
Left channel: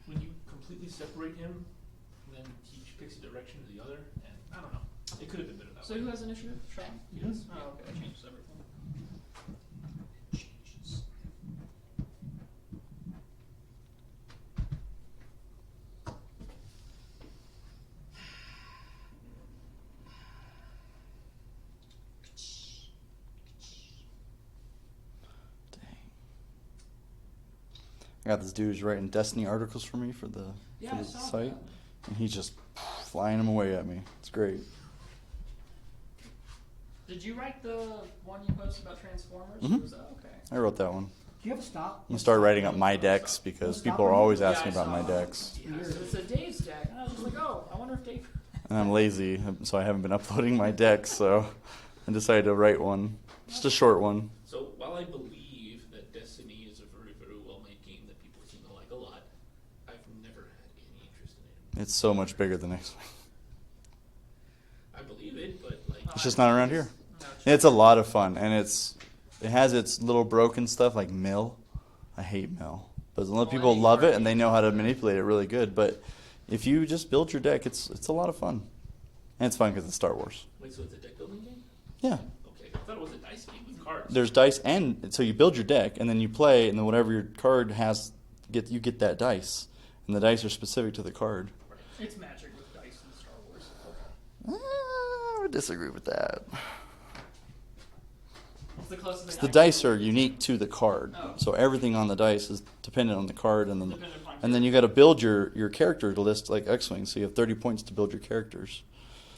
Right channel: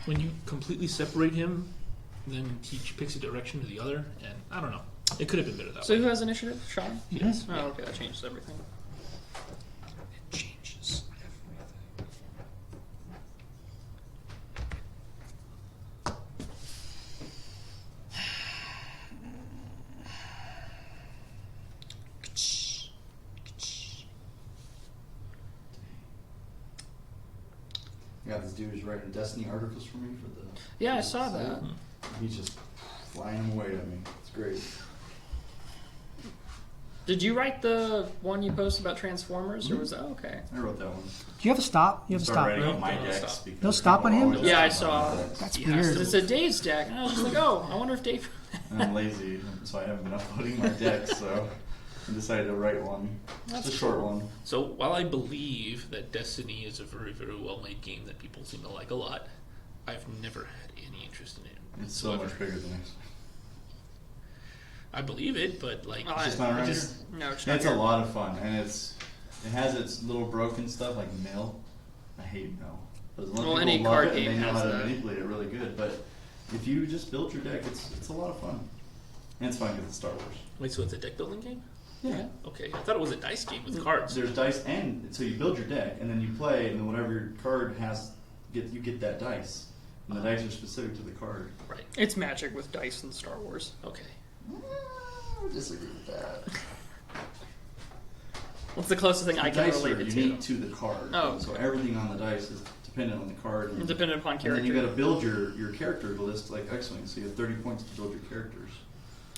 when you completely separate him, then he picks a direction to the other, and I don't know. It could have been better that So way. who has initiative? Sean? Yes. Oh, okay, that changes everything. It changes I got this dude who's writing Destiny articles for me for the Yeah, I for the saw site, that. And he's just flying them away at me. It's great. Did you write the one you posted about Transformers, or was that okay? I wrote that one. Do you have a stop? You I have a started stop. writing on my No, decks stop. No because stop people on are him? always Yeah, I asking about saw. my decks. That's He has weird. to- It's a Dave's deck, and I was just like, oh, I wonder if Dave. And I'm lazy, so I haven't been uploading my decks, so I decided to write one. Just a short one. So while I believe that Destiny is a very, very well-made game that people seem to like a lot, I've never had any interest in it. It's so much bigger than X-Wing. I believe it, but like, It's just not around here. No, it's It's a lot of fun, and it has its little broken stuff like mill. I hate mill, but a lot of Well, people any love card it and they game know how has to that. manipulate it really good. But if you just build your deck, it's a lot of fun, and it's fun because it's Star Wars. wait, so it's a deck building game? Yeah. Okay, I thought it was a dice game with cards. There's dice, and so you build your deck, and then you play, and then whatever your card has, you get that dice, and the dice are specific to the card. Right. It's magic with dice in Star Wars. Okay. I would disagree with that. What's the closest thing I The can dice relate are it unique to the card, Oh. so everything on the dice is dependent on the card, and Dependent upon character. and then you got to build your character list like X-Wing, so you have 30 points to build your characters.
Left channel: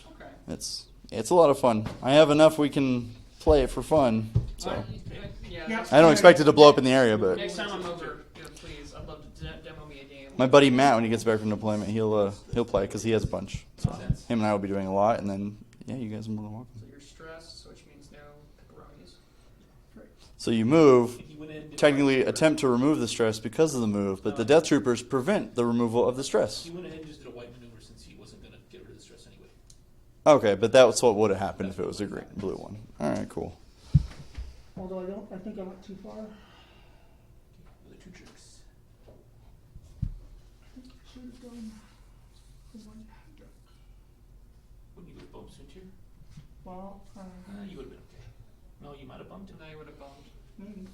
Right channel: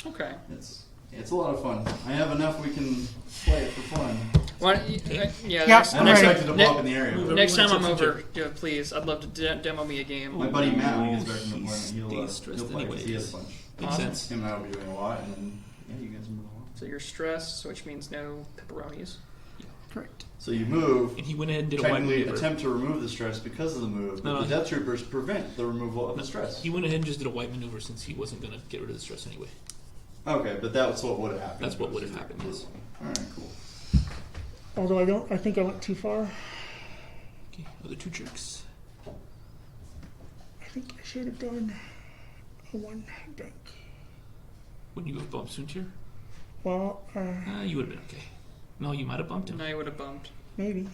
Okay. It's a lot of fun. I have enough we can play it for fun. Why, Okay. yeah. Yeah. Next, I don't Alright. expect it to blow up in the area, but next time I'm Soontir. over, yeah, please, I'd love to demo me a game. my buddy Matt, when he gets back from deployment, he'll He's stressed play because he has a bunch. Makes Awesome. sense. Him and I will be doing a lot, and then yeah, you guys are more than welcome. So you're stressed, which means no pepperonis. Correct. So you move. And he went ahead and did a Technically, white maneuver. attempt to remove the stress because of the move, but No. the Death Troopers prevent the removal of the stress. He went ahead and just did a white maneuver since he wasn't going to get rid of the stress anyway. Okay, but that's what would have happened That's if it what was a would've happened, blue yes. one. All right, cool. Although I think I went too far. Okay, other two tricks. I think I should have done a one deck. When you have bumped Soontir? Well, You would have been okay. No, you might have bumped him. Now you would have bumped. maybe.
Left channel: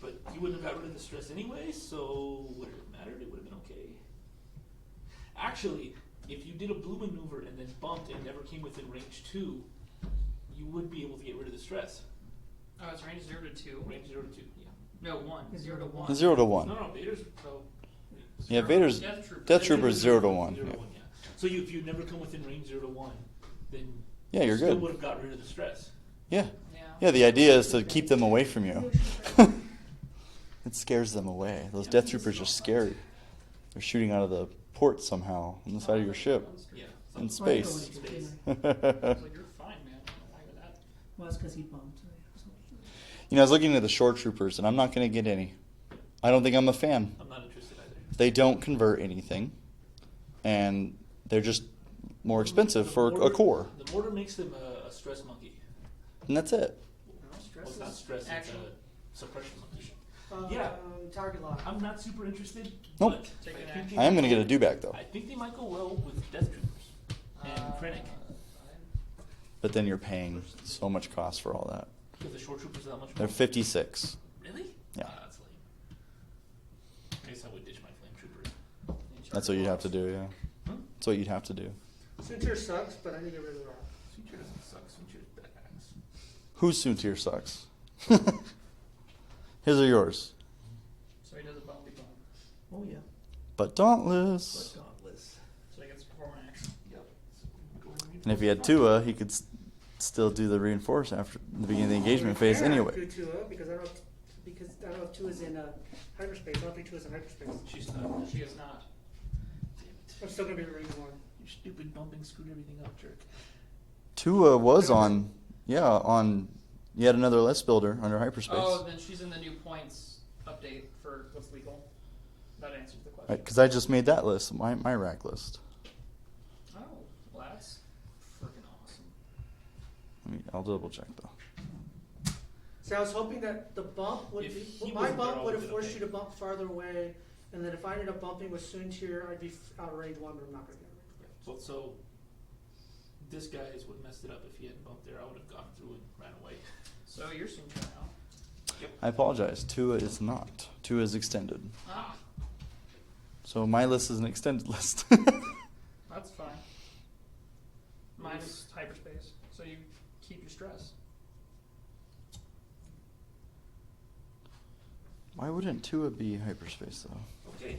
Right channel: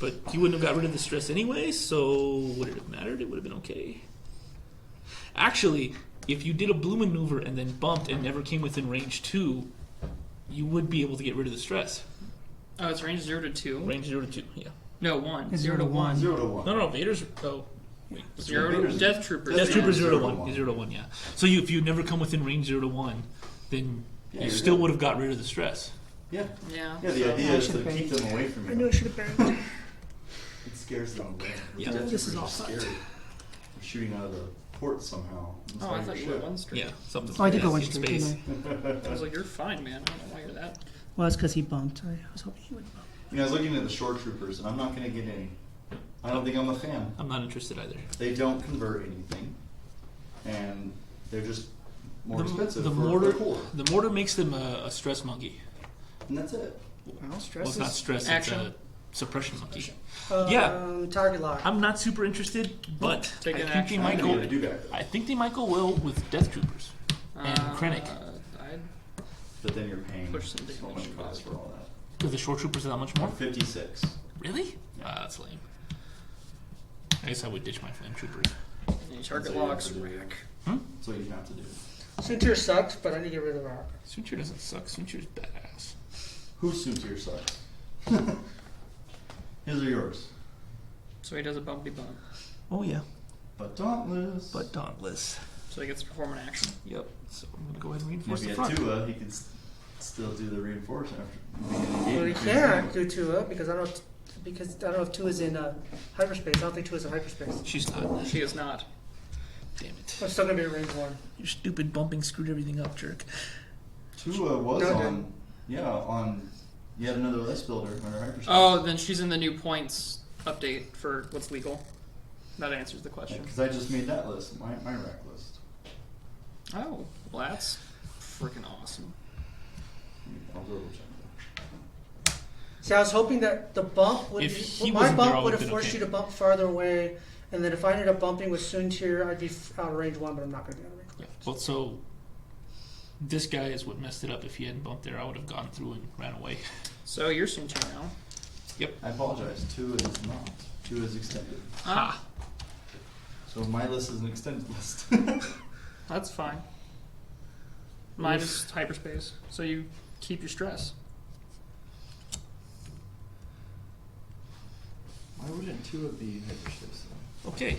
But he wouldn't have got rid of the stress anyway, so would it have mattered? It would have been okay. Actually, if you did a blue maneuver and then bumped and never came within range 2, you would be able to get rid of the stress. Oh, it's range 0 to 2. Range 0 to 2, yeah. No, 1. It's 0 to 1. 0 to 1. No, Vader's... Oh, wait. Yeah, Zero, Vader's- Death Trooper. Death Death Trooper's Trooper's 0 to 1. 0 to 1, yeah. So if you never come within range 0 to 1, then Yeah, you you're still good. would have got rid of the stress. Yeah. Yeah. Yeah, the idea is to keep them away from I knew I you. should have been. It scares them away. Those Yeah. Death This is Troopers are all scary. They're shooting out of the port somehow on the Oh, side I of your thought you went ship. one straight. Yeah, something Oh, I did go space, one in straight, space. didn't I? I was like, you're fine, man. I don't know why you're that. Well, it's because he bumped. I was hoping he would. You know, I was looking at the shore troopers, and I'm not going to get any. I don't think I'm a fan. I'm not interested either. They don't convert anything, and they're just more expensive The for mortar, a core, The mortar makes them a stress monkey. and that's it. Well, stress Well, it's not stress, action. it's a suppression monkey. is, yeah. Target lock. I'm not super interested, but I Take an think, they action. I'm might going to go, get a do-back, though. I think they might go well with Death Troopers. And Krennic. I'd But then you're paying Push some so much cost for all that. Because the short troopers are that much They're more? 56. Really? Yeah. Ah, that's lame. I guess I would ditch my fan troopers. That's what you'd have to do, yeah. Hmm? That's what you'd have to do. Soontir sucks, but I need to get rid of RAC. Soontir doesn't suck. Soontir's badass. Whose Soontir sucks? His or yours? So he does a bumpy bump. Oh, yeah. But Dauntless. But Dauntless. So he gets to perform an action. Yep. So I'm going to go ahead and And reinforce if he had the front. Tua, he could still do the reinforce after the beginning of the engagement phase Yeah, anyway. do Tua because I don't know if Tua's in hyperspace. I don't think Tua's in hyperspace. She's not. She is not. Damn it. I'm still gonna be in range 1. Your stupid bumping screwed everything up, jerk. Tua was No, no. on, on yet another list builder under hyperspace. Oh, then she's in the new points update for what's legal. That answers the question. Because I just made that list, my RAC list. Oh, well, that's freaking awesome. I'll double check though. See, I was hoping that the bump would If be. he My wasn't there, I bump would would've have been forced okay. you to bump farther away, and then if I ended up bumping with Soontir, I'd be out of range 1, but I'm not gonna be out of range 1. Yeah. Well, so this guy is what messed it up. If he hadn't bumped there, I would have gone through and ran away. So you're Soontir now. I apologize. Tua is not. Tua is extended. Ha! So my list is an extended list. That's fine. Mine is hyperspace, so you keep your stress. Why wouldn't Tua be in hyperspace though? Okay.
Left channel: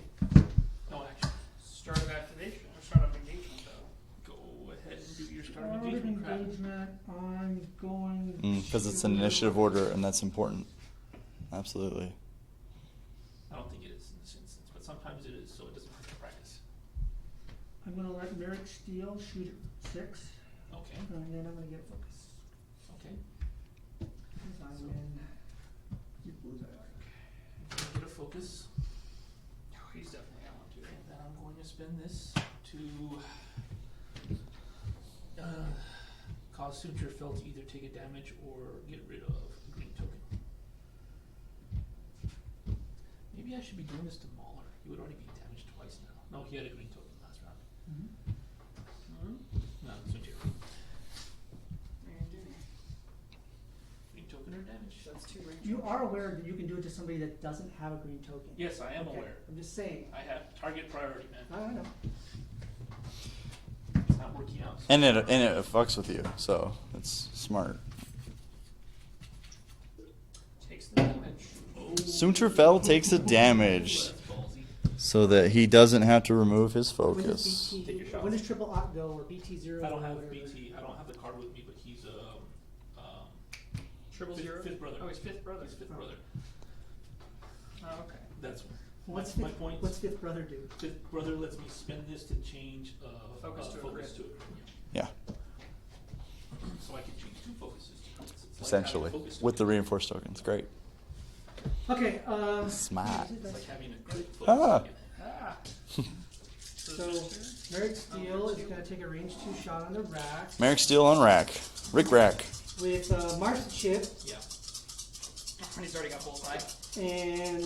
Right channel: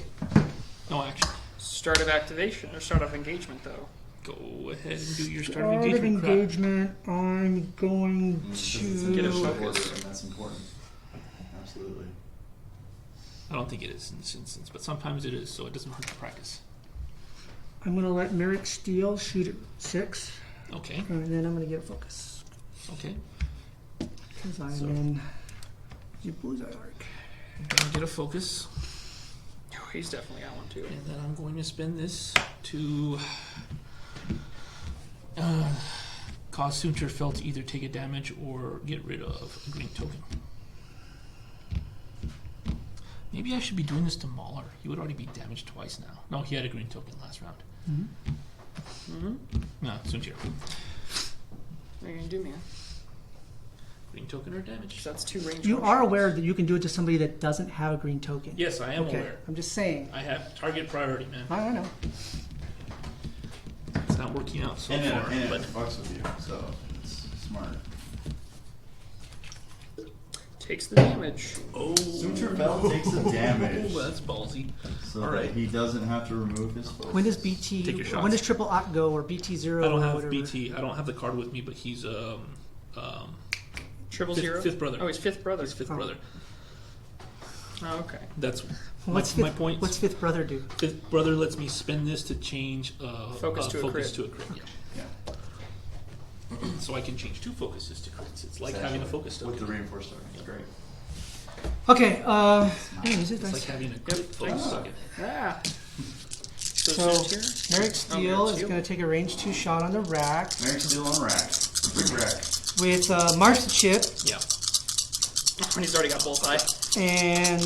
No action. Start of activation or start of engagement, though. Go ahead and do your start Start of of engagement crap. engagement. I'm going Because to. it's an initiative order, and that's important. Absolutely. I don't think it is in this instance, but sometimes it is, so it doesn't hurt to practice. I'm gonna let Maarek Steele shoot at 6, Okay, and then I'm gonna get a focus okay. because I'm So- in the bullseye arc. I'm gonna get a focus, Oh, he's definitely got one too. and then I'm going to spend this to cause Soontir Fel to either take a damage or get rid of a green token. Maybe I should be doing this to Mauler. He would already be damaged twice now. No, he had a green token last round. Mm-hmm. No, Soontir. What are you gonna do, man? Green token or damage? That's 2 range. You motions. are aware that you can do it to somebody that doesn't have a green token. Yes, I am Okay, aware. I'm just saying. I have target priority, man. I know. It's not working out so And it far, but- fucks with you, so it's smart. Takes the damage. Oh. Soontir Fel takes the damage, That's ballsy. so that he doesn't have to remove his focus. When does BT? Take your shots. When does triple op go or BT 0? I don't or have whatever? BT. I don't have the card with me, but he's Triple fifth, 0? fifth brother. Oh, he's 5th brother. His fifth Oh. brother. Oh, okay. That's What's my fifth, point. What's fifth brother do? Fifth brother lets me spend this to change Focus to a focus crit. to a crit. Yeah, Yeah. So I can change 2 focuses to crits. It's like having a essentially, focus with the token. reinforced token. It's great. Okay. Smart. Use it, It's like guys. having a Yep. crit focus Ah. token. Ah. So Soontir? Maarek Steele Maarek is Steele. going to take a range 2 shot on the rack Maarek Steele on rack. Rick Rack. with March the Chip Yeah. He's already got bullseye. and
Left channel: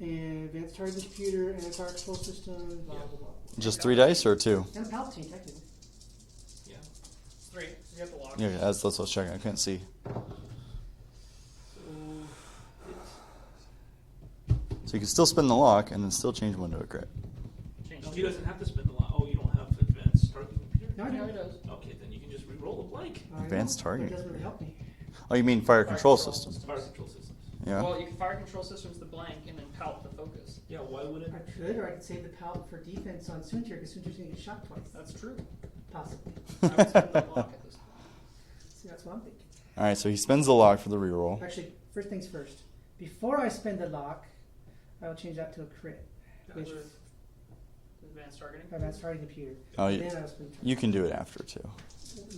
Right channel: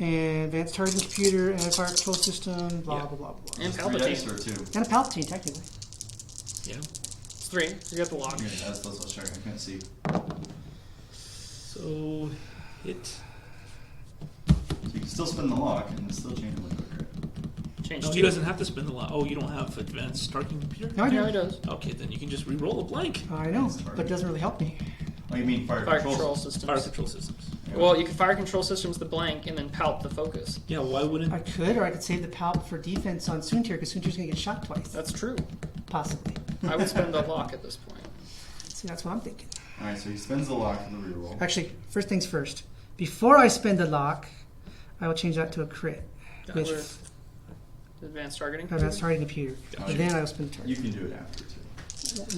advanced targeting computer and fire control system. Blah Yeah. blah blah blah. Just And 3 Palpatine. dice or 2? And a Palpatine technically. Yeah. It's 3. You got the lock. Yeah, that's what I was checking. I couldn't see. So hit. So you can still spin the lock and then still change one to a crit. Change No, 2. he doesn't have to spend the lot. Oh, you don't have advanced targeting computer? No, I Yeah, do. he does. Okay, then you can just re-roll a blank. I know, Advanced but targeting. it doesn't really help me. Oh, you mean fire, Fire control, control system? Fire control systems. Yeah. Well, you can fire control systems the blank and then palp the focus. Yeah, why wouldn't... I could, or I could save the Palp for defense on Soontir because Soontir's going to get shot twice. That's true. Possibly. I would spend the lock at this point. See, that's what I'm thinking. All right, so he spends the lock for the reroll. Actually, first things first. Before I spend the lock, I will change that to a crit. Which With advanced targeting. advanced targeting computer. Oh, And you- then I will spend the turn. You can do it after too.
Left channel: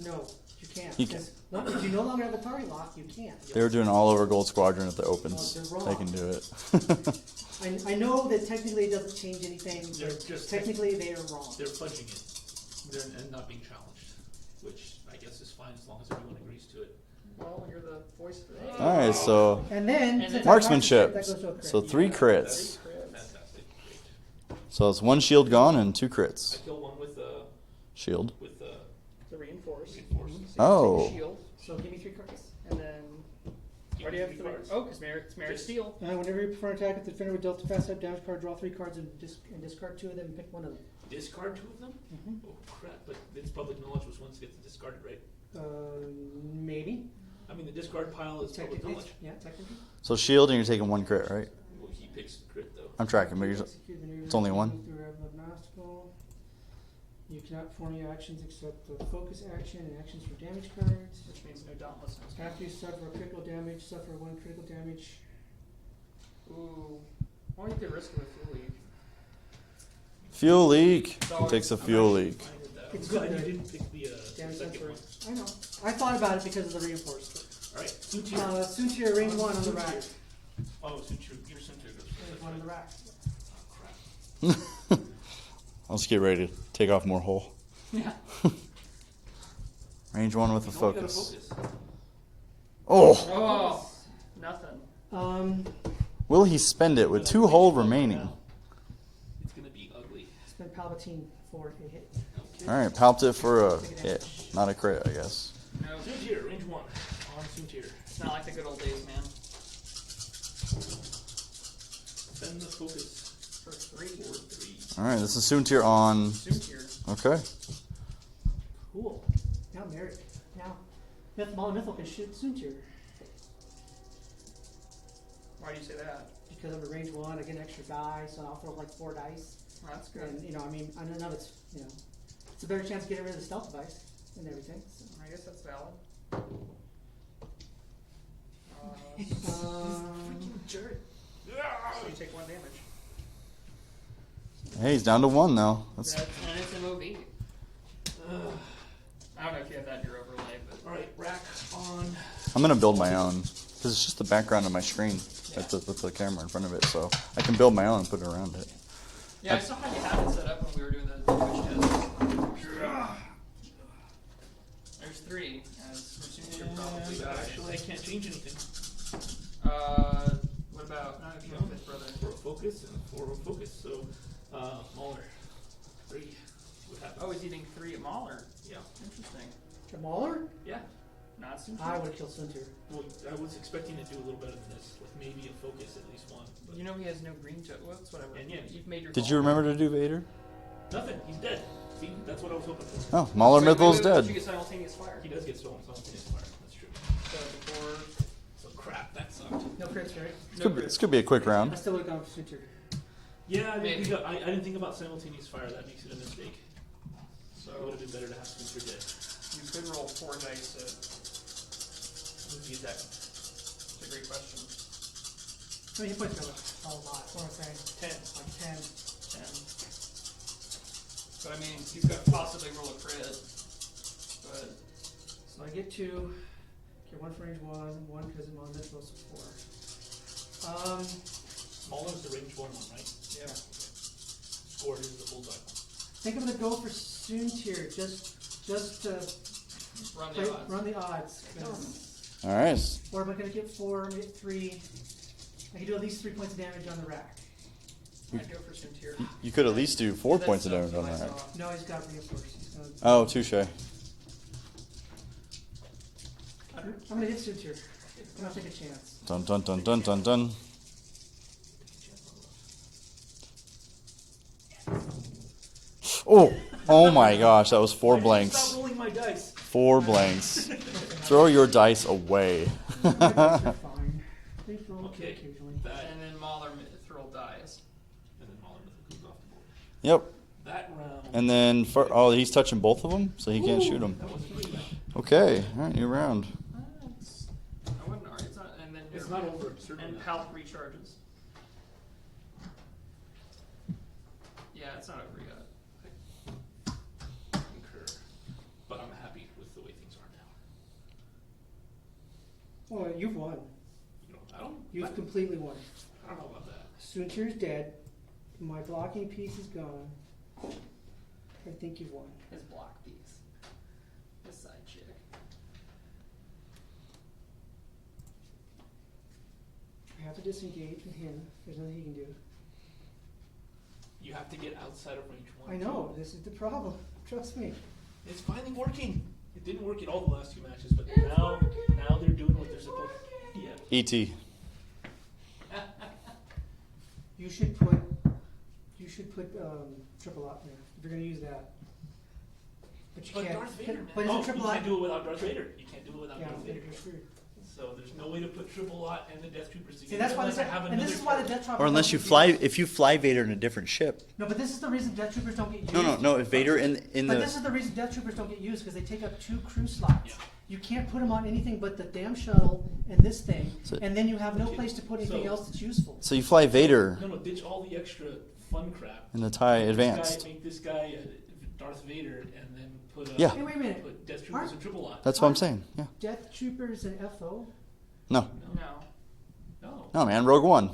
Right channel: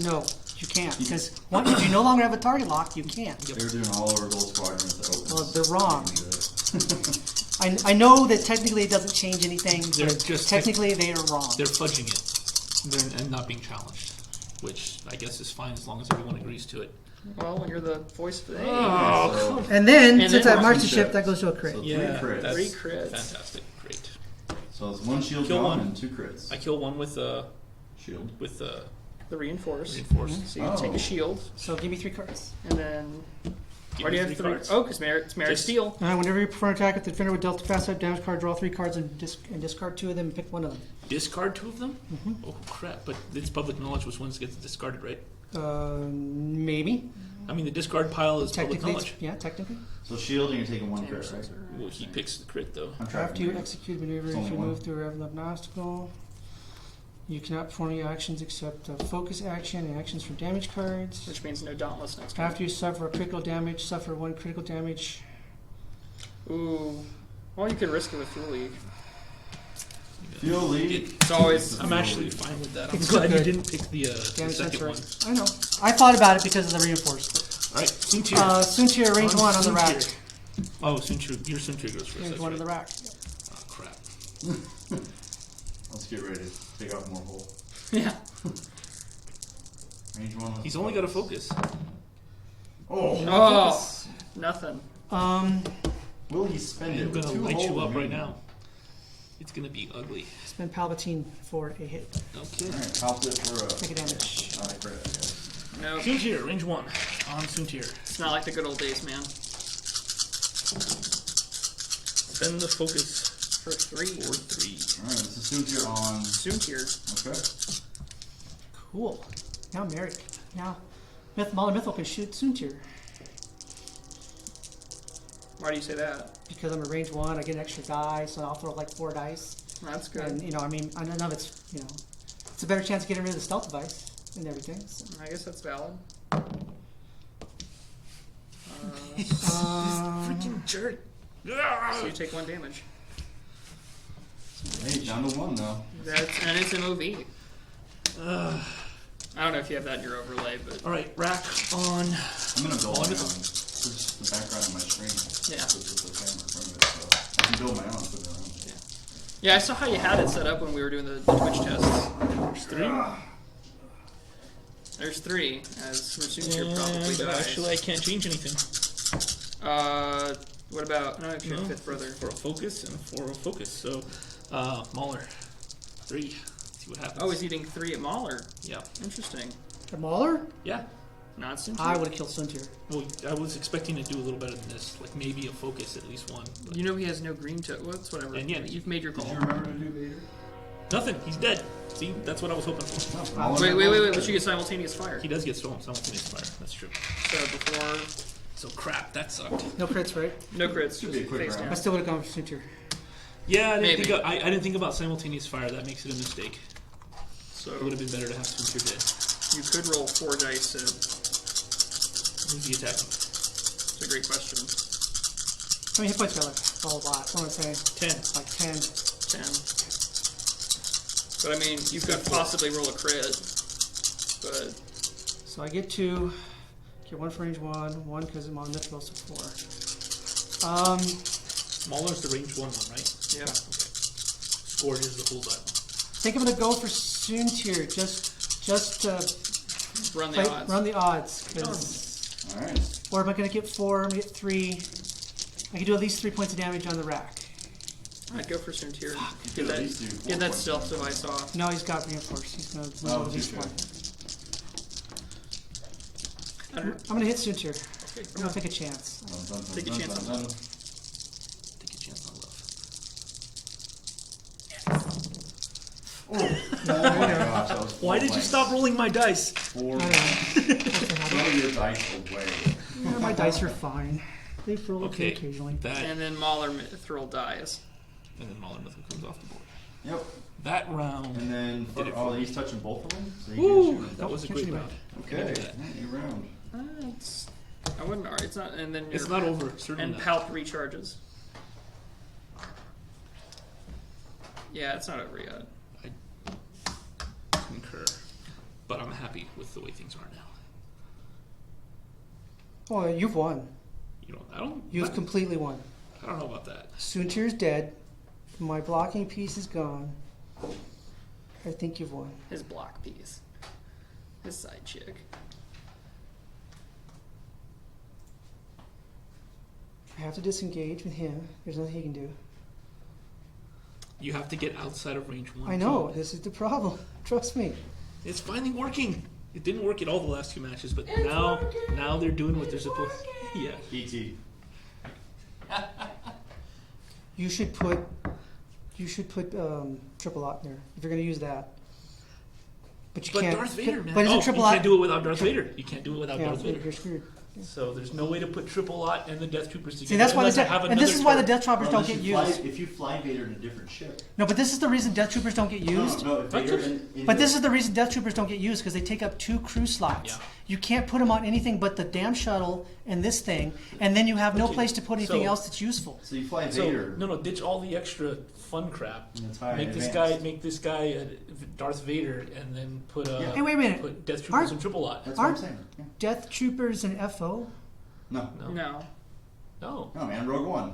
No, you can't. You Because once if you no longer have a target lock, you can't. They were doing all over Gold Squadron at the opens. Well, they're so wrong. You can do it. I know that technically it doesn't change anything. They're but just- technically they are wrong. They're fudging it and not being challenged, which I guess is fine as long as everyone agrees to it. Well, when you're the voice of the All right, so And then, And since then- I marched the Marksmanship. ship, that goes to a crit. So 3 crits. that's 3 crits. Fantastic, great. So it's 1 shield Kill gone one. and 2 crits. I kill one with Shield. The reinforce. reinforced. So you take Oh. a shield, So give me 3 cards. and then Give why do me you have 3? cards. Oh, because it's Maarek Just- Steele. Whenever you perform an attack, if the defender with dealt a fast side damage card, draw 3 cards and discard 2 of them and pick one of them. Discard 2 of them? Mm-hmm. Oh crap! But it's public knowledge which ones get discarded, right? Maybe. I mean, the discard pile is public Technically, knowledge. yeah, technically. So shield and you're taking 1 crit, right? Well, he picks the crit though. I'm tracking. After you but execute maneuver, It's only if you one. move through an obstacle. You cannot perform any actions except a focus action and actions from damage cards. Which means no dauntless next turn. After you suffer a critical damage, suffer 1 critical damage. Ooh. Well, you could risk it with Fuel League. Fuel leak. It's always- Takes the I'm fuel actually leak. fine with that. I'm It's glad you good. didn't pick the Damage second one. sensor. I know. I thought about it because of the reinforced. All right, Soontir. Soontir, range 1 on the rack. Soontir. Oh, Soontir. Your Soontir goes first. Range That's 1 on right. the rack. Oh crap. Let's get ready to take off more hull. Yeah. Range 1 with He's the only got a focus. focus. Oh! Oh, nothing. Will he spend it I'm with gonna 2 light hull you up right remaining? now. It's gonna be ugly. Spend Palpatine for a hit. Okay. Alright, palped it for a Take a damage. hit. Not a crit, I guess. No, Soontir, range 1 on Soontir. it's not like the good old days, man. Spend the focus For 3. for 3. Alright, this is Soontir on. Soontir. Okay. Cool. Now Maarek. Now Mauler Mythol can shoot Soontir. Why do you say that? because I'm a range 1. I get an extra die, so I'll throw like 4 dice. That's good. And I mean, I know it's it's a better chance of getting rid of the stealth device and everything. So. I guess that's valid. Freaking jerk. So you take 1 damage. Hey, he's down to 1 now. That's, And it's an OV. I don't know if you have that in your overlay, but Alright, rack on. I'm gonna build my own. This is just the background of my screen Yeah. with the camera in front of it, so I can build my own and put it around it. yeah, I saw how you had it set up when we were doing the Twitch tests. There's 3. There's 3, as Soontir probably And dies. actually, I can't change anything. What about? No, if you're No, 5th brother. For a focus and for a focus. So, Mauler. 3. See what happens. Oh, he's eating 3 at Mauler. Yeah. Interesting. The Mauler? Yeah. Not Soontir. I would have killed Soontir. Well, I was expecting to do a little better than this. Like maybe a focus, at least 1. But You know he has no green toe. Well, it's whatever. And yeah, You've made your call. Did you remember to do Vader? nothing. He's dead. See, that's what I was hoping for. Oh, Mauler Wait, Midlow's but you dead. get simultaneous fire. He does get simultaneous fire. That's true. So before, So crap, that sucked. No crits, right? no This crits. could be a quick Face round. I still would have gone for Soontir. Yeah, I Maybe. didn't think about simultaneous fire. That makes it a mistake. So It would have been better to have Soontir dead. you could roll 4 dice. Who's he attacking? It's a great question. How many hit points do I left? Oh, a lot. What am I saying? 10. Like 10. 10. But I mean, you could possibly roll a crit. But So I get 2. Get 1 for range 1. 1 because I'm on Mythos, so 4. Mauler's the range 1, right? yeah, Scored is the bullseye one. I think I'm gonna go for Soontir. Just to run the odds. run the odds. 'Cause- All right. or am I gonna get 4? I'm gonna get 3. I can do at least 3 points of damage on the rack. I'd go for Soontir. You could at least do 4 Get that points of stealth damage on device that. off. No, he's got reinforced. He's gonna. Oh, touche. I'm gonna hit Soontir. Okay, I'm gonna take a chance. Dun dun dun Take a dun chance dun on dun. Take a chance on love. Oh, oh my gosh, that was 4 Why did you blanks. stop rolling my dice? 4 blanks. Throw your dice away. My dice are fine. They roll Okay. occasionally. That And then Mauler Mithril dies. and then Mauler nothing comes off the board. Yep. That round. And then, he's touching both of them, so he can't Woo! shoot them. That was a Can't great shoot round. Okay, all right, new round. It's, I wouldn't. It's not. And then It's your- not over. Certainly And not. Palp recharges. Yeah, it's not over yet. Concur. But I'm happy with the way things are now. Oh, you've won. You've completely won. I don't know about that. Soontir's dead. My blocking piece is gone. I think you've won. His block piece. His side chick. I have to disengage with him. There's nothing he can do. You have to get outside of range 1. I know. too. This is the problem. Trust me. It's finally working. It didn't work at all the last 2 matches, but now they're doing what they're supposed to. Yeah. E.T. You should put triple lot in there if you're going to use that. But you But can't. Darth Vader, man. But is Oh, it triple you lot? can't do it without Darth Vader. You can't do it without Yeah, Darth Vader. you're screwed. So there's no way to put triple lot and the Death Troopers together. See, that's why unless I the have and another this is why the turret. Death Troopers Or unless don't you get fly, used. if you fly Vader in a different ship. No, but this is the reason Death Troopers don't get used. No, if Vader in But the. this is the reason Death Troopers don't get used because they take up 2 crew slots. Yeah. You can't put them on anything but the damn shuttle and this thing, and then you have no Okay, place to put anything so- else that's useful. So you fly Vader So, no, ditch all the extra fun crap. in the TIE Advanced. Make this guy Darth Vader, and then put Yeah. Hey, wait a minute. put Death Troopers Aren't- and triple lot. That's what I'm Aren't- saying. Yeah. Death Troopers and FO? No, No, No. no, no, man. Rogue One.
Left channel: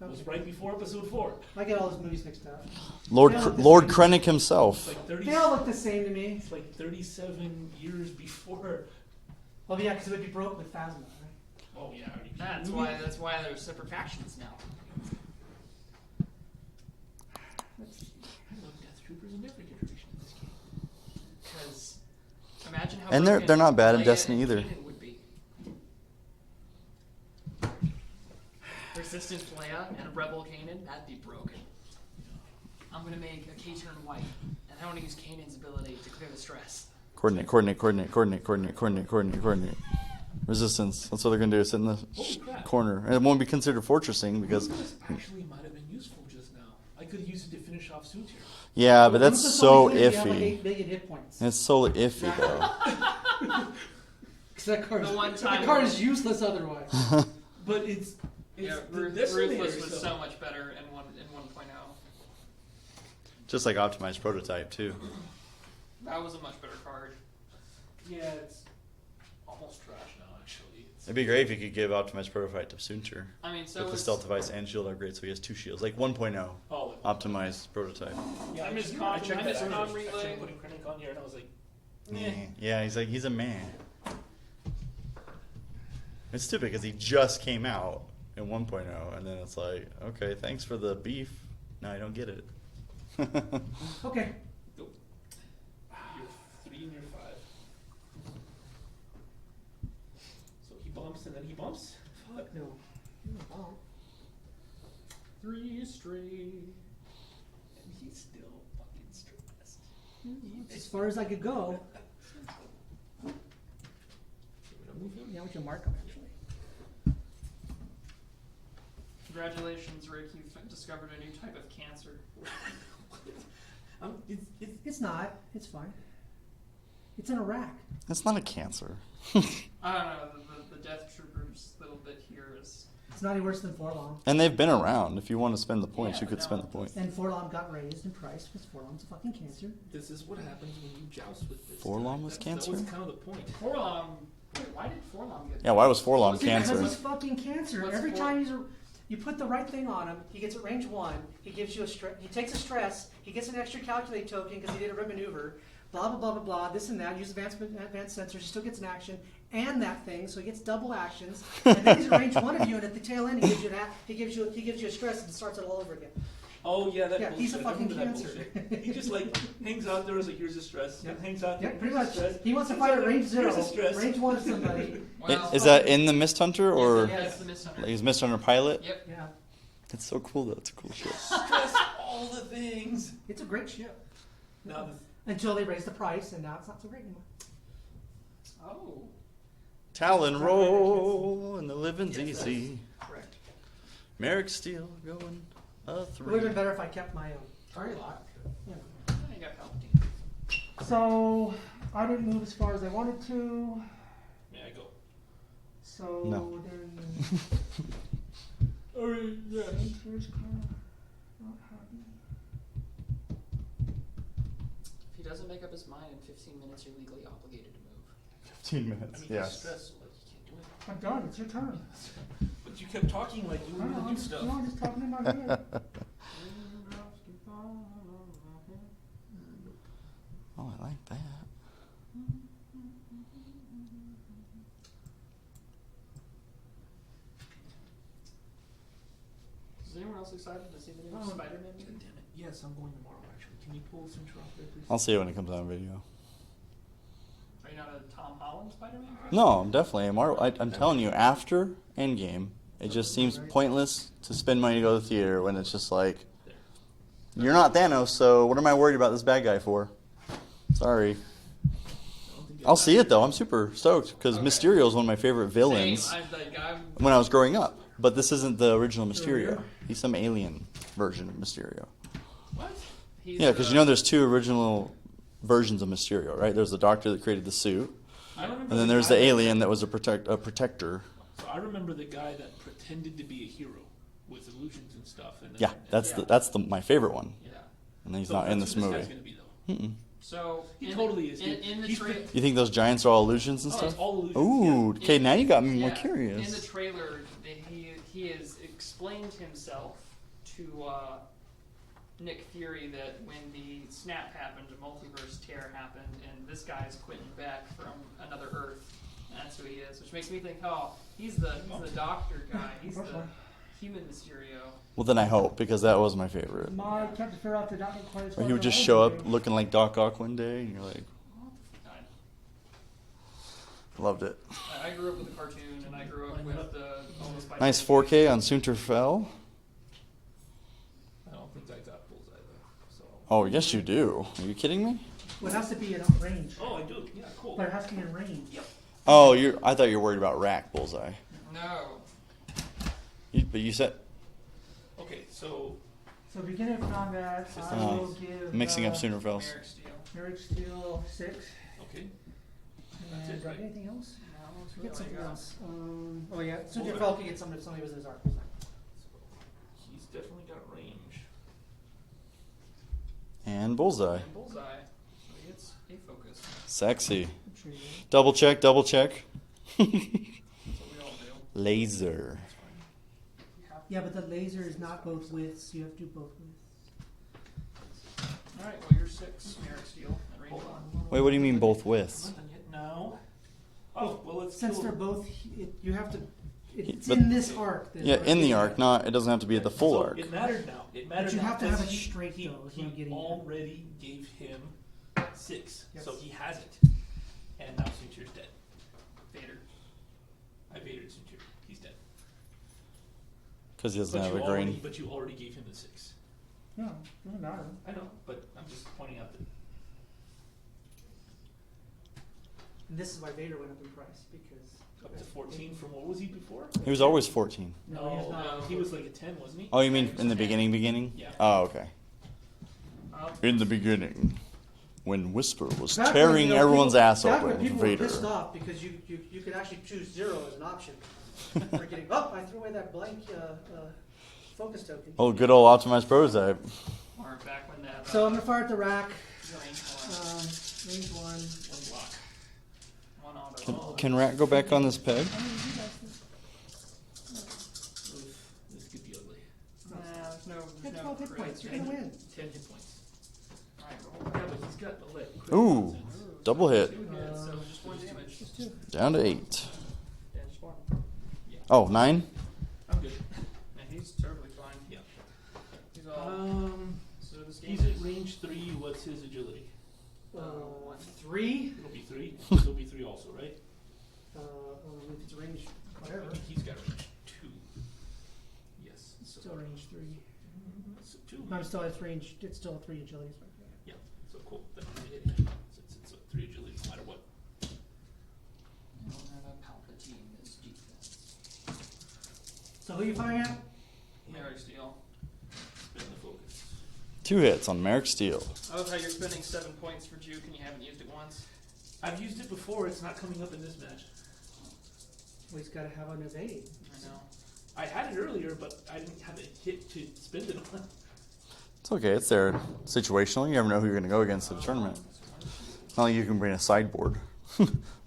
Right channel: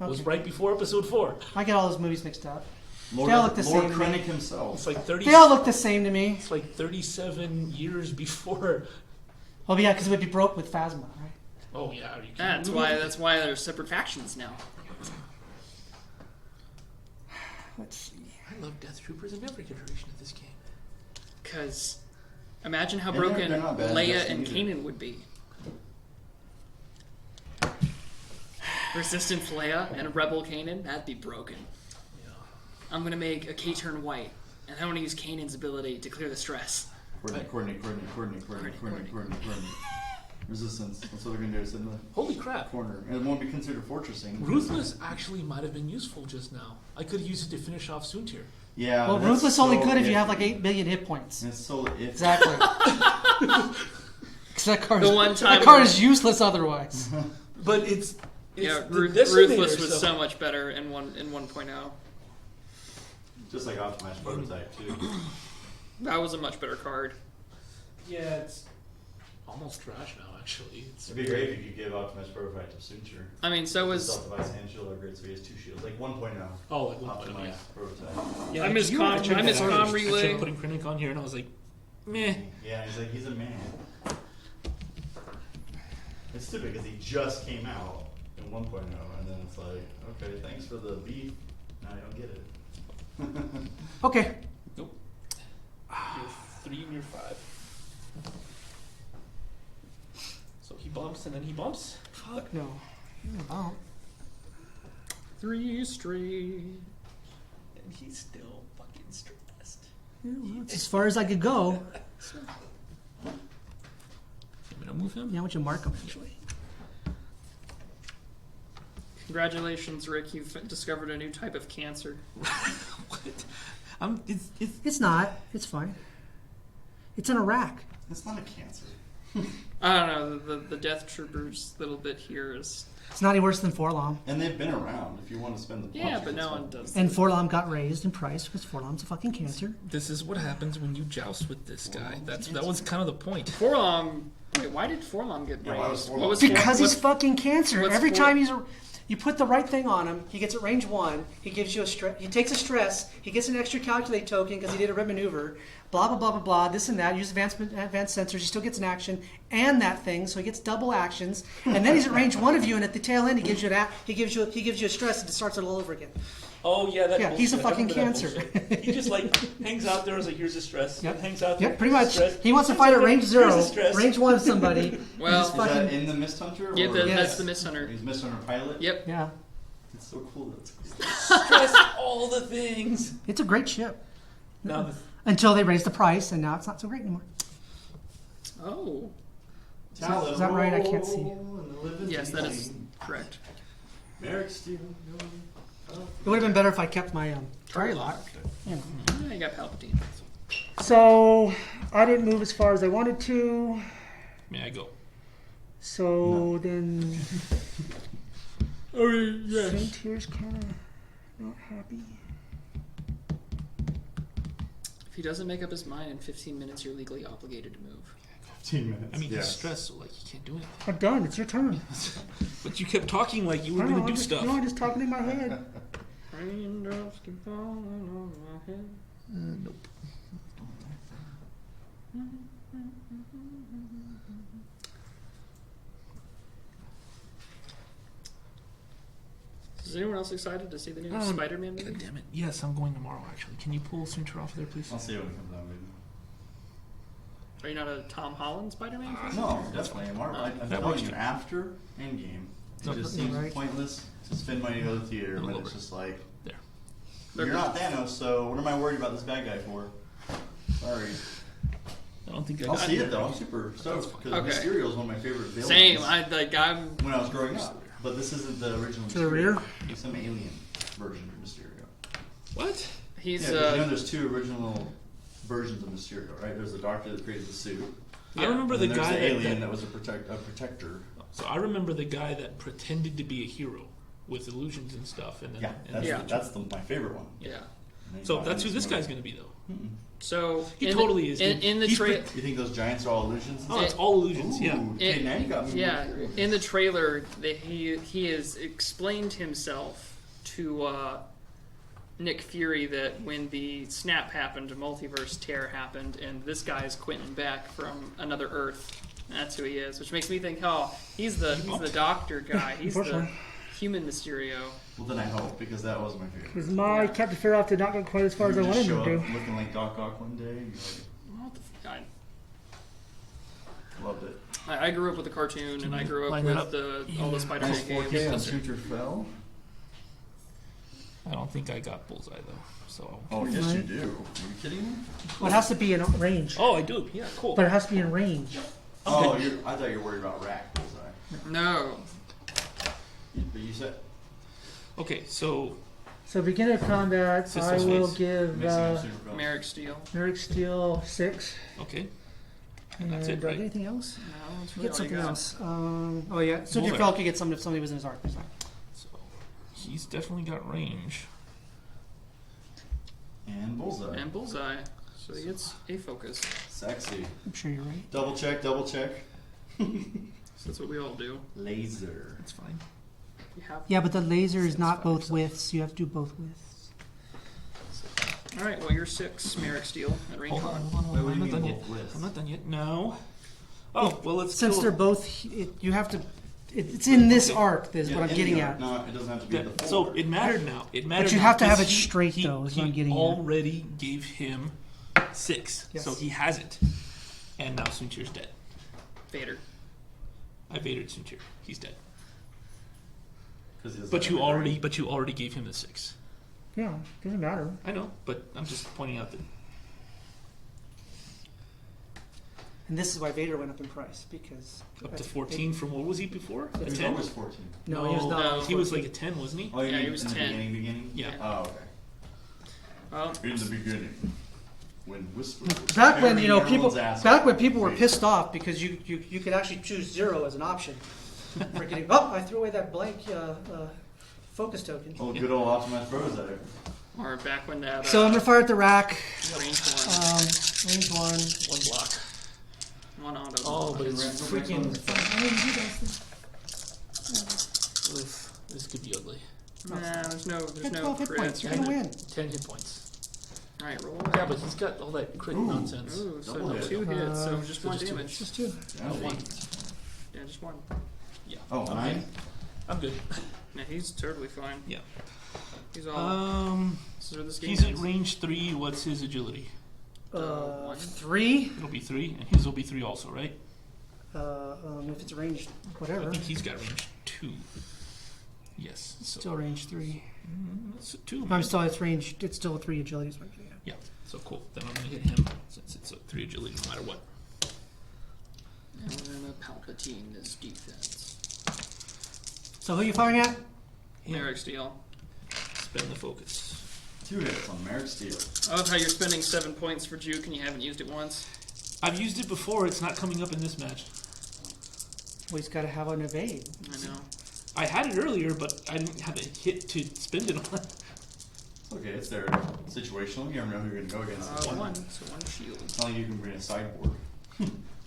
it was Okay. right before Episode 4. I get all those movies mixed up. Lord They all look the Lord same. Krennic himself. It's like 30. They all look the same to me. It's like 37 years before. Well, yeah, because it would be broke with Phasma, right? Oh yeah, are you kidding? That's why there's separate factions now. Let's see. I love Death Troopers in every iteration of this game. Because imagine how And they're- broken they're not bad in Leia Destiny and either. Kanan would be. Resistance Leia and Rebel Kanan, that'd be broken. Yeah. I'm gonna make a K-turn white, and I want to use Kanan's ability to clear the stress. Coordinate, coordinate, coordinate, coordinate, coordinate, coordinate, coordinate, coordinate. resistance. That's what they're gonna do. Sit in the Holy crap. corner, and it won't be considered fortressing because Ruthless actually might have been useful just now. I could use it to finish off Soontir. yeah, Well, but that's Ruthless so only could iffy. if you have like 8 billion hit points. It's so iffy. Exactly. Because that card, The one time that card when- is useless otherwise. But it's Yeah, the Ruthless decimator, was so much better in 1.0. Just like optimized prototype too. That was a much better card. Yeah, it's almost trash now. Actually, It'd be great if you could give optimized prototype to Soontir. I mean, so With was the stealth device and shield upgrade, so he has 2 shields, like 1.0 Oh, like optimized prototype. Yeah, I miss you com- mentioned I miss that. com I relay. tried putting Krennic on here, and I was like, meh. Yeah, he's a man. It's stupid because he just came out in 1.0, and then it's like, okay, thanks for the beef. Now I don't get it. Okay. Nope. You're 3 and you're 5. So he bumps and then he bumps. Fuck no. Oh. 3 straight. And he's still fucking stressed. That's as far as I could go. I'm gonna move him. Yeah, what you mark them eventually. Congratulations, Rick. You've discovered a new type of cancer. What? It's It's not. It's fine. It's in a rack. That's not a cancer. I don't know. The Death Troopers little bit here is. It's not any worse than Forlom. And they've been around. If you want to spend the points, Yeah, you but can no spend one the points. does. And Forlom got raised in price because Forlom's a fucking cancer. This is what happens when you joust with this Forlom guy. was That cancer? was kind of the point. Forlom. Wait, why did Forlom get? Yeah, why was raised? Forlom What was cancer? Because he's what- fucking cancer. what's Every for- time you put the right thing on him, he gets at range 1. He gives you a stress. He takes a stress. He gets an extra calculate token because he did a rip maneuver. Blah blah blah blah blah. This and that. Use advanced sensors. He still gets an action and that thing, so he gets double actions. And then he's at range 1 of you, and at the tail end, he gives you he gives you a stress, and it starts it all over again. Oh yeah, that. Yeah, he's a bullshit. I fucking remember that cancer. bullshit. He just like hangs out there as like, here's a stress. Yep. Hangs out there. Yep, pretty here's a much. stress. He wants to Hangs fight out at there, range here's 0, a stress. range 1 of somebody. Well, Is that in the Mist Hunter yeah, or that's Yes. the Mist Hunter. is Mist Hunter pilot? Yep. Yeah, It's so cool. That's cool. Shit. Stress all the things. it's a great ship Now the until they raise the price, and now it's not so great anymore. Oh, Talon Is that right? I can't see. roll and the living yes, that is easy. correct. Maarek steel going up. It would have been better if I kept my target lock. Yeah, you got Palpatine. So I didn't move as far as I wanted to. may I go? So No. then Soontir's kind of not happy. If he doesn't make up his mind in 15 minutes, you're legally obligated to move. 15 minutes. I mean, he's yes. stressed, so like he can't do anything. I'm done. It's your turn. But you kept talking like you were I gonna know, do I'm just, stuff. No, I'm just talking in my head. Raindrops keep falling on my head. Nope. Oh, I like that. Is anyone else excited to see the new Oh, Spider-Man movie? God damn it! Yes, I'm going tomorrow. Actually, can you pull Soontir off there, please? I'll see it when it comes out on video. Are you not a Tom Holland Spider-Man fan? No, definitely. I'm telling you, after Endgame, it No, just you're seems right. pointless to spend money to go to the theater when it's just like, There. you're not Thanos, so what am I worried about this bad guy for? Sorry. I don't think I'll see it though. I'm super stoked because Okay. Mysterio is one of my favorite villains Same. I'm when I was growing up. But this isn't the original To the Mysterio. rear? He's some alien version of Mysterio. What? he's Yeah, because you know there's 2 original versions of Mysterio, right? There's the doctor that created the suit, I remember and then the there's guy the that- alien that was a protector. So I remember the guy that pretended to be a hero with illusions and stuff. And then, Yeah, that's Yeah. that's my favorite one. yeah. And he's So not that's in who this this movie. guy's gonna be, though. Mm-mm. So He in totally is, In, dude. in the He's trailer, You think those giants are all illusions and Oh, stuff? it's all illusions. Ooh, Yeah. okay, now you got me yeah, more curious. in the trailer, he has explained himself to Nick Fury that when the snap happened, a multiverse tear happened, and this guy is Quentin Beck from another Earth. That's who he is, which makes me think, oh, he's the doctor guy. He's the Unfortunately. human Mysterio. Well, then I hope, because that was my favorite. My Captain Feroph did not go quite as Like, far he as would I just wanted show him up to. looking like Doc Ock one day, and you're like, What the f- loved it. I grew up with the cartoon, and I grew up Line with that up. all the Spider-Man Nice 4K games. on Soontir Fell. I don't think I got bullseye, though. So. Oh, yes, you do. Are you kidding me? Well, it has to be in range. Oh, I do. Yeah, cool. But it has to be in range. Oh, I thought you were worried about RAC bullseye. No. But you said Okay, so So beginner combat, I Systems will phase. give mixing up Sooner Fells. Maarek Steel. Maarek Steel 6. okay, And that's it, do I right? get anything else? No, that's I really get all you something got. else. Oh yeah, so your Mauler. Felk, you get something if somebody was in his arc. It's fine. so he's definitely got range. And bullseye. And bullseye. So he gets a focus. Sexy. I'm sure you're right. Double check, double check. So that's what we all do. Laser. That's fine. We have. Yeah, but the laser is not 6, both 5, widths. You have to do both widths. All right. Well, you're 6 Maarek Steel at range Hold on, 1. hold on, hold Wait, on, what do you I'm mean not done both yet. widths? I'm not done yet. No. Oh well, let's Since kill- they're both, you have to. It's But- in this okay. arc. That is Yeah, what I'm in getting the arc, at. not. It doesn't have to be at the full so arc. it mattered now. It mattered. you now have to have 'cause it straight, though, is what I'm getting at. already gave him 6, Yes. so he has it, and now Soontir's dead. Vader. I baited Soontir. He's dead. Because he doesn't But have you a already, green. but you already gave him the 6. Yeah, doesn't matter. I know, but I'm just pointing out that And this is why Vader went up in price because up to 14 from what was he before? He was 10? always 14. No, he was not. No. He was like a 10, wasn't he? Oh, you Yeah, he mean was in the 10. beginning? Yeah. Oh, okay. Well, In the beginning, when Whisper was Back when tearing everyone's people, ass back off when with people were Vader. pissed off because you could actually choose 0 as an option. We're getting, oh, I threw away that blank focus token. Oh, good old optimized prototype. or back when that. So I'm gonna fire at the rack. range 1. Range 1. One block. 1 auto. Oh, Can but Rat it's go back on freaking- this peg? Oof, this could be ugly. Nah, there's no Get no 12 hit points. crits. You're Right? gonna win. 10 hit points. All right, roll. Yeah, but he's got all that crit Ooh. nonsense. Ooh, Double so hit. 2 hits, so just so 1 just two. damage. Just 2. Down to 8. Yeah, just 1. Oh, 9? I'm good. Yeah, he's totally fine. Yeah. He's all. So this game He's at is. range 3. What's his agility? 1. 3. It'll be 3, and his will be 3 also, right? If it's range, I whatever. think he's got range 2. Yes. So Still range 3. that's a 2. I'm still at range. It's still a 3 agility. Is what I'm getting at. Yeah. So cool. Then I'm gonna hit him since it's a 3 agility no matter what. And then the Palpatine is defense. So who are you firing at? Maarek Steel. Spend the focus. 2 hits on Maarek Steel. I love how you're spending 7 points for Juke and you haven't used it once. I've used it before. It's not coming up in this match. Well, he's got to have an evade. I know. I had it earlier, but I didn't have a hit to spend it on. It's okay. It's there situational. You never know who you're going to go against at the tournament. So 1 shield. Not like you can bring a sideboard.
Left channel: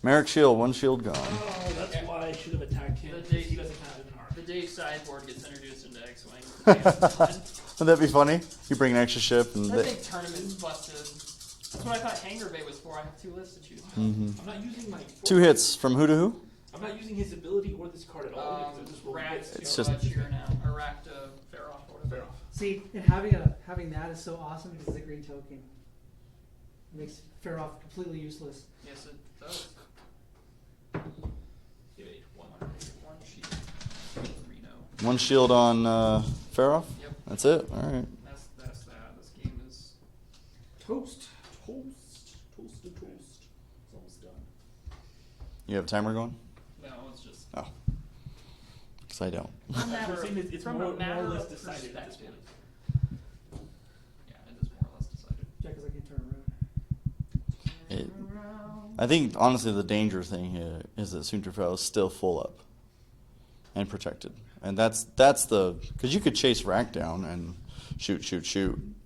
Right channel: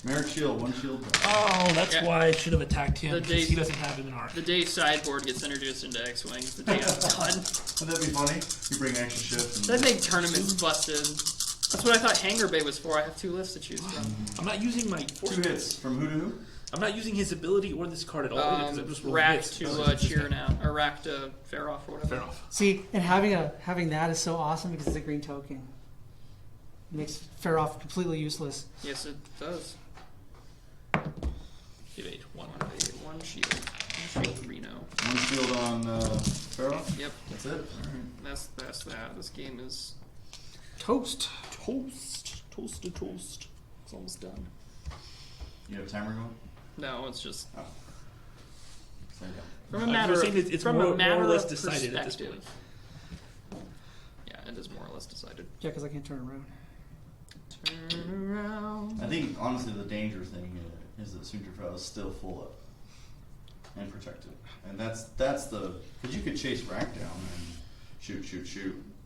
Maarek Shield, 1 shield gone. Oh, that's Yeah. why I should have attacked him, The because day- he doesn't have an arc. The day sideboard gets introduced into X-Wing is the day I'm done. Wouldn't that be funny? You bring an extra ship and That make tournaments busted. That's what I thought Hangar Bay was for. I have 2 lists to choose from. I'm not using my... 2 hits from who to who? I'm not using his ability or this card at all, because I just rolled Rack hits. to It's just- cheer now, or Rack to Feroph or whatever. Fair enough. See, and having that is so awesome because it's a green token. It makes Feroph completely useless. Yes, it does. Evade. 1. 1 shield. Shield Reno. 1 shield on Feroph? Yep, That's it? Alright. that's that. This game is. Toast. Toast. Toasted toast. It's almost done. You have a timer going? No, it's just. Because I don't. From a I'm matter saying of- it's from a more or matter less of decided at this perspective. point. Yeah, it is more or less decided. Yeah, because I can't turn around. Turn around. I think, honestly, the danger thing here is that Soontir is still full up and protected. And that's the... Because you could chase Rack down and shoot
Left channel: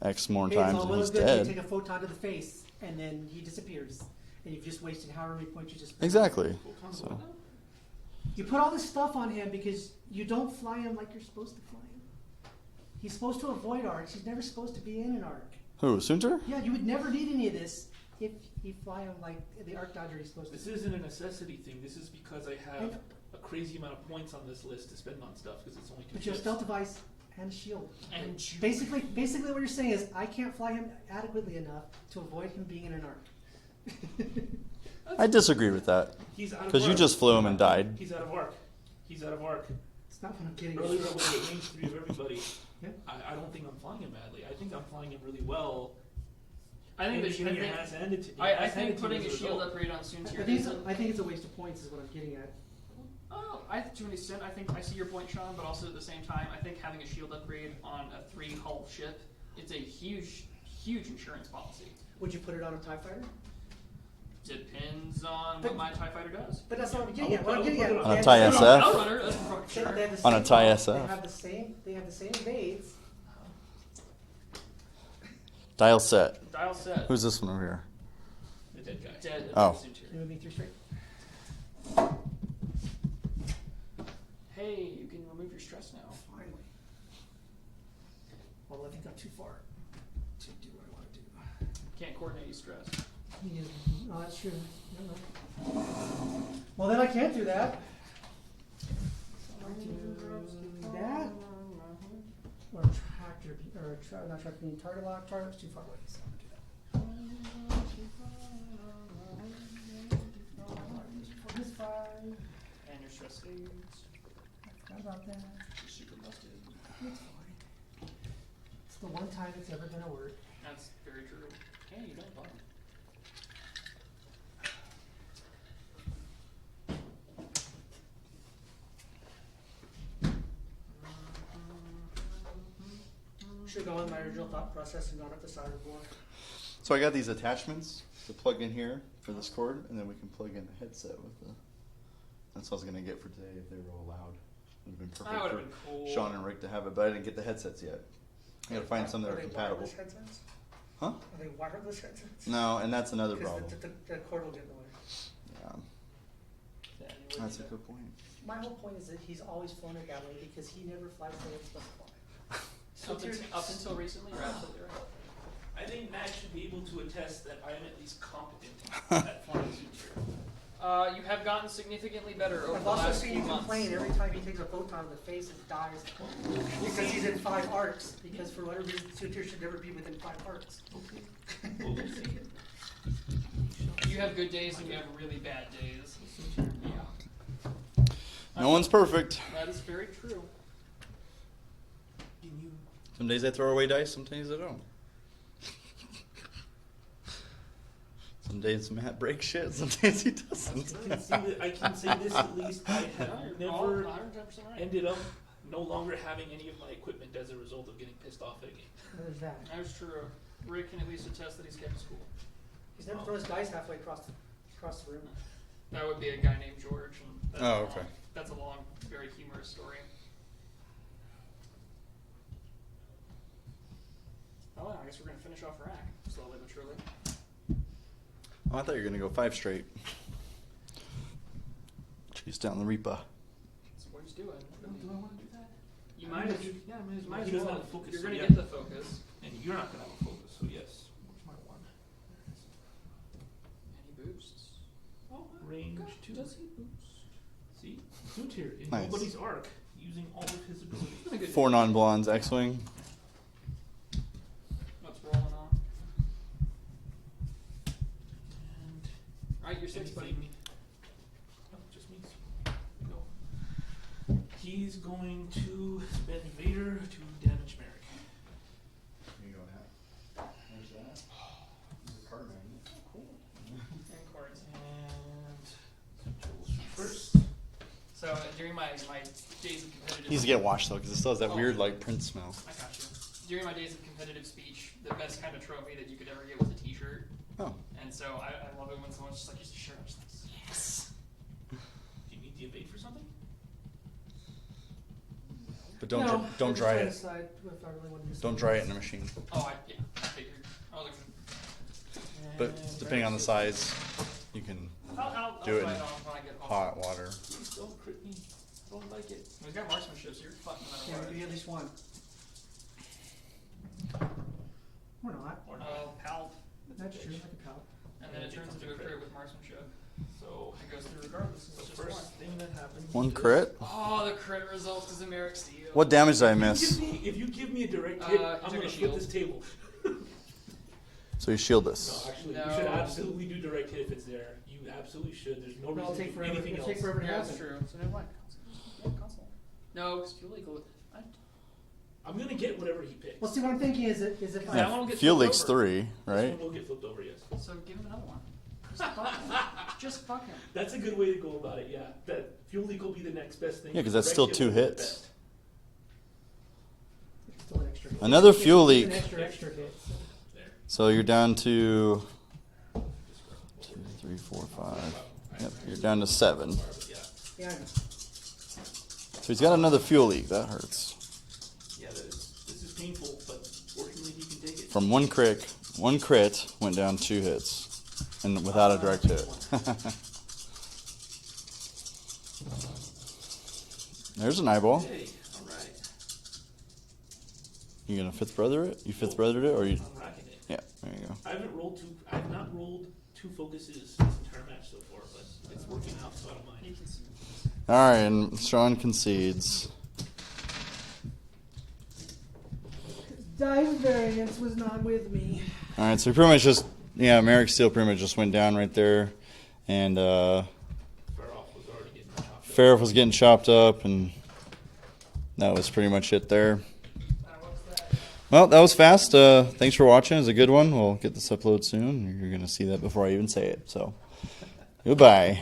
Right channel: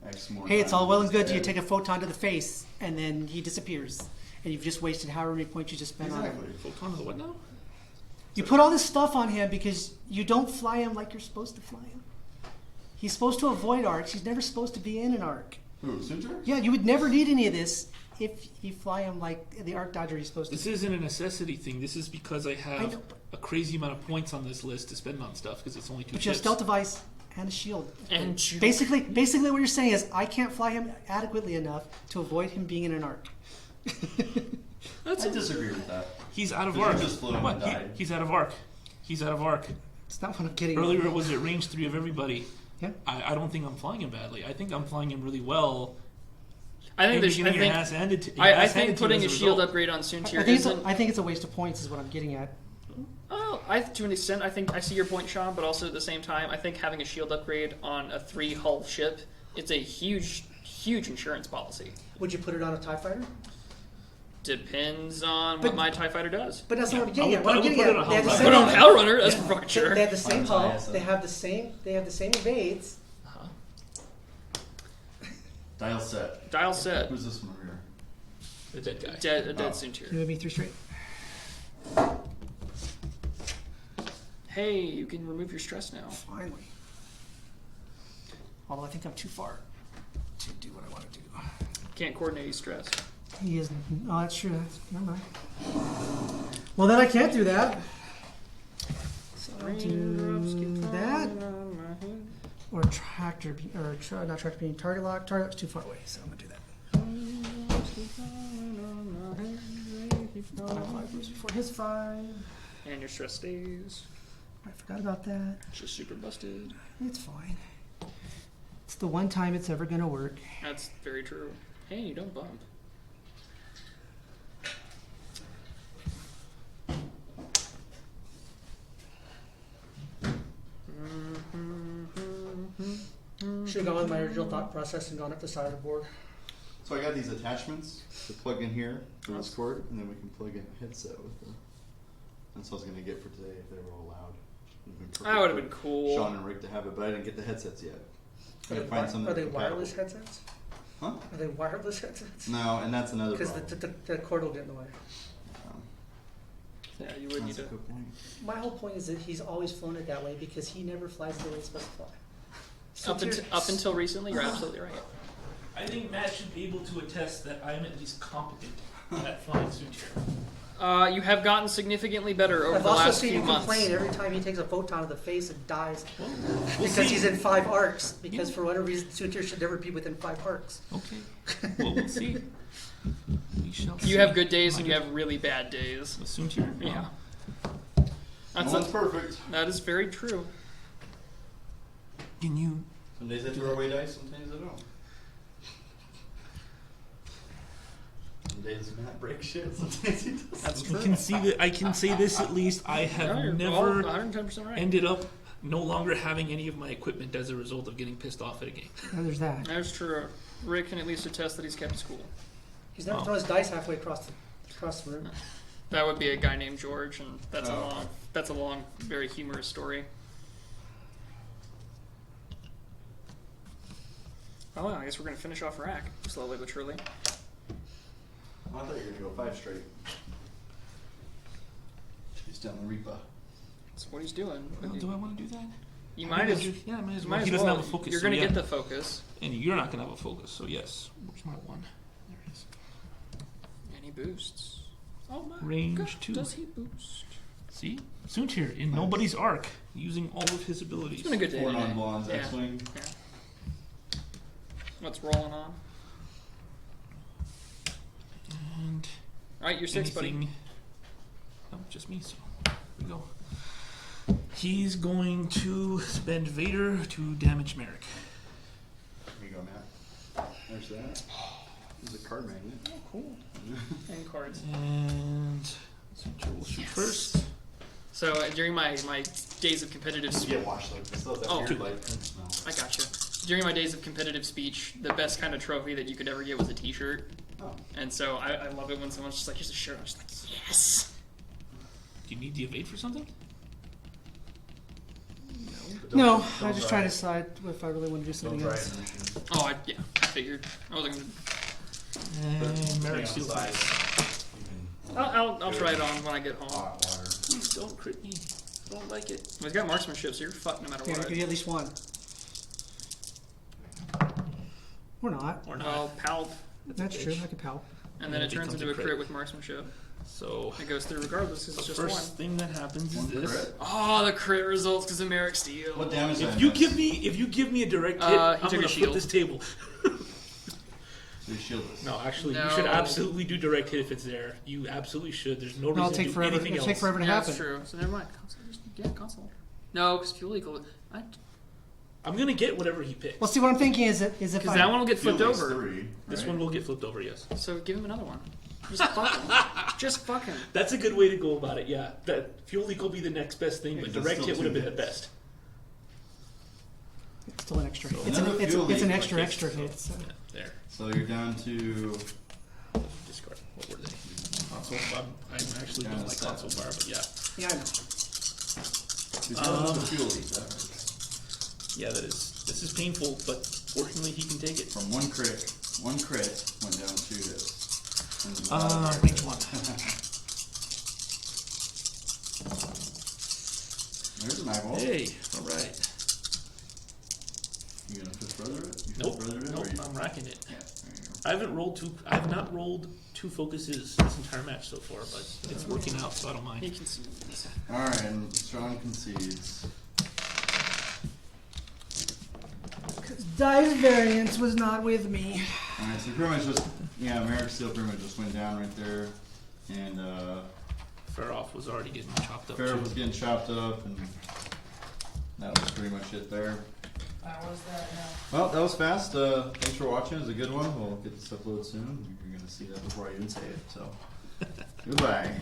X more Hey, times. it's all well and he's good. You dead. take a photon to the face, and then he disappears, and you've just wasted however many points you just spent. on him. Exactly. Photon's what now? You put all this stuff on him because you don't fly him like you're supposed to fly him. He's supposed to avoid arcs. He's never supposed to be in an arc. Who, Soontir? Yeah, you would never need any of this if you fly him like the arc dodger he's supposed to. This isn't a necessity thing. This is because I have know, a crazy amount of points on this list to spend on stuff, because it's only 2 But you have ships. stealth device and a shield. And Juke. Basically, what you're saying is I can't fly him adequately enough to avoid him being in an arc. I disagree with that. He's out of arc. Because you just flew him and died. He's out of arc. He's out of arc. It's not what I'm getting. Earlier it was at range 3 of everybody. Yeah. I don't think I'm flying him badly. I think I'm flying him really well I think and there's. you're I getting your think. ass handed to I think putting a shield upgrade on Soontir isn't. I think it's a waste of points, is what I'm getting at. Oh, to an extent, I think I see your point, Sean. But also at the same time, I think having a shield upgrade on a 3-hull ship, it's a huge insurance policy. Would you put it on a TIE fighter? Depends on But- what my TIE fighter does. But that's not what I'm getting I at. would- What I I'm would getting put at. it on They a have TIE the same- Put it on SF? Hellrunner, that's for fucking They sure. have the same On a TIE hull, SF. They have the same evades. Dial set. Dial set. Who's this one over here? The dead guy. Dead Oh. Soontir. Give me 3 straight. Hey, you can remove your stress now. Finally. Although I think I'm too far to do what I want to do. Can't coordinate your stress. He is. Oh, that's true. Never mind. Well, then I can't do that. So I'll do that. Or tractor, not tractor beam, target lock. Target's too far away, so I'm gonna do that. My 5 moves before his 5. And your stress stays. I forgot about that. Just super busted. It's fine. It's the one time it's ever gonna work. That's very true. Hey, you don't bump. Should have gone with my original thought process and gone up the side of the board. So I got these attachments to plug in here for this cord, and then we can plug in a headset with the. That's what I was gonna get for today if they were allowed. Would've been perfect That would have for been cool. Sean and Rick to have it, but I didn't get the headsets yet. I gotta find something Are that they are compatible. wireless headsets? Huh? Are they wireless headsets? No, and that's another Because problem. the cord will get in the way. Um, Yeah, you would need that's a to. good point. My whole point is that he's always flown it that way because he never flies the way it's supposed to fly. Up until recently, you're absolutely right. I think Matt should be able to attest that I am at least competent at flying Soontir. You have gotten significantly better over I've the also last seen few you months. complain every time he takes a photon to the face and dies Well, we'll because see. he's in 5 arcs. Because for whatever reason, Soontir should never be within 5 arcs. Okay. Well, we'll see. We shall You see. have good days My and you God. have really bad days. With Soontir? Yeah. No one's perfect. That is very true. Can you? Some days I throw away dice, some days I don't. Some days Matt breaks shit, some days he doesn't. I can see that. I can say this at least. I have You're never 110% right. ended up no longer having any of my equipment as a result of getting pissed off at a game. Oh, there's that. That's true. Rick can at least attest that he's kept his cool. He's never Oh. thrown his dice halfway across the room. That would be a guy named George, and that's Oh, okay. that's a long, very humorous story. Oh, well, I guess we're gonna finish off RAC slowly but surely. Oh, I thought you were gonna go 5 straight. Chase down the Reaper. That's what he's doing. Well, do I want to do that? You I might might as, Yeah, I might as you well. might He as doesn't well. have a focus. You're so gonna yeah. get the focus. And you're not gonna have a focus, so yes. Where's my 1? There it is. And he boosts. Oh my Range God, 2. does he boost? See? Soontir in Nice. nobody's arc, using all of his abilities. It's been a good day. 4 today. non-blondes, Yeah. X-Wing. Yeah. What's rolling on? And Alright, you're 6, buddy. anything. Oh, just me, so here we go. He's going to spend Vader to damage Maarek. Here you go, Matt. There's that. There's a card magnet. Oh, cool. And cards. And Soontir will shoot Yes. first. So during my days of competitive Needs to get washed though, because it still has that Oh, weird okay. like print smell. I gotcha. During my days of competitive speech, the best kind of trophy that you could ever get was a T-shirt, Oh. and so I love it when someone's just like, "Here's a shirt." I'm just like, "Yes." Do you need the evade for something? But don't, No, don't I just dry try to it. decide if I really want to do Don't something dry it else. in the machine. Oh, I figured. I wasn't gonna. But And depending Maarek on the steals. size, you can I'll Do it try in it on when I get home. hot water. Please don't crit me. I don't like it. Well, he's got marksmanship, so you're fucked no matter Yeah, I'll what. give you at least 1. Or not. Or not. Well, palp, That's true. I could pal. and then it It turns becomes into a a crit. crit with marksmanship. So It goes through regardless, 'cause the it's just first one. thing that happens One is this. crit? Oh, the crit results because of Maarek steal. What damage did I If you miss? give me a direct hit, He I'm took a gonna shield. flip this table. So you shield this. No, actually, No. you should absolutely do direct hit if it's there. You absolutely should. There's no No, it'll reason take to do forever. anything It'll else. take forever to Yeah, happen. that's true. So never mind. Console. Yeah, console. No, because fuel equal. I'm gonna get whatever he picks. Well, see, what I'm thinking is if Because I that one will get Fuel flipped League's over. 3, This right? one will get flipped over, yes. So give him another one. Just fuck him. Just fuck him. That's a good way to go about it, yeah. That Fuel League will be the next best thing, Yeah, but 'cause the that's Red still Kit 2 will be the hits. best. it's still an extra hit. Another It's a- Fuel It's League. an extra hit. So. Yeah, there. So you're down to Discard. What were they? 3, 4, Also, 5. I'm actually down to like 7. so far, but yeah. Yeah, I know. So he's got another Fuel League. That hurts. Yeah, this is painful, but fortunately he can take it. From one crit went down 2 hits, and without a direct hit. There's an eyeball. Hey, alright. You gonna fifth brother it? You fifth Nope, brothered it, or nope, you? I'm racking it. Yeah, there you go. I've not rolled 2 focuses this entire match so far, but it's working out, so I don't mind. He can see. All right, and Sean concedes. Dice variance was not with me. All right, so pretty much just Maarek Steel pretty much just went down right there, and Feroph was already getting chopped up. Feroph was getting chopped up, and that was pretty much it there. That was that. Well, that was fast. Thanks for watching. It was a good one. We'll get this upload soon. You're gonna see that before I even say it. So, goodbye.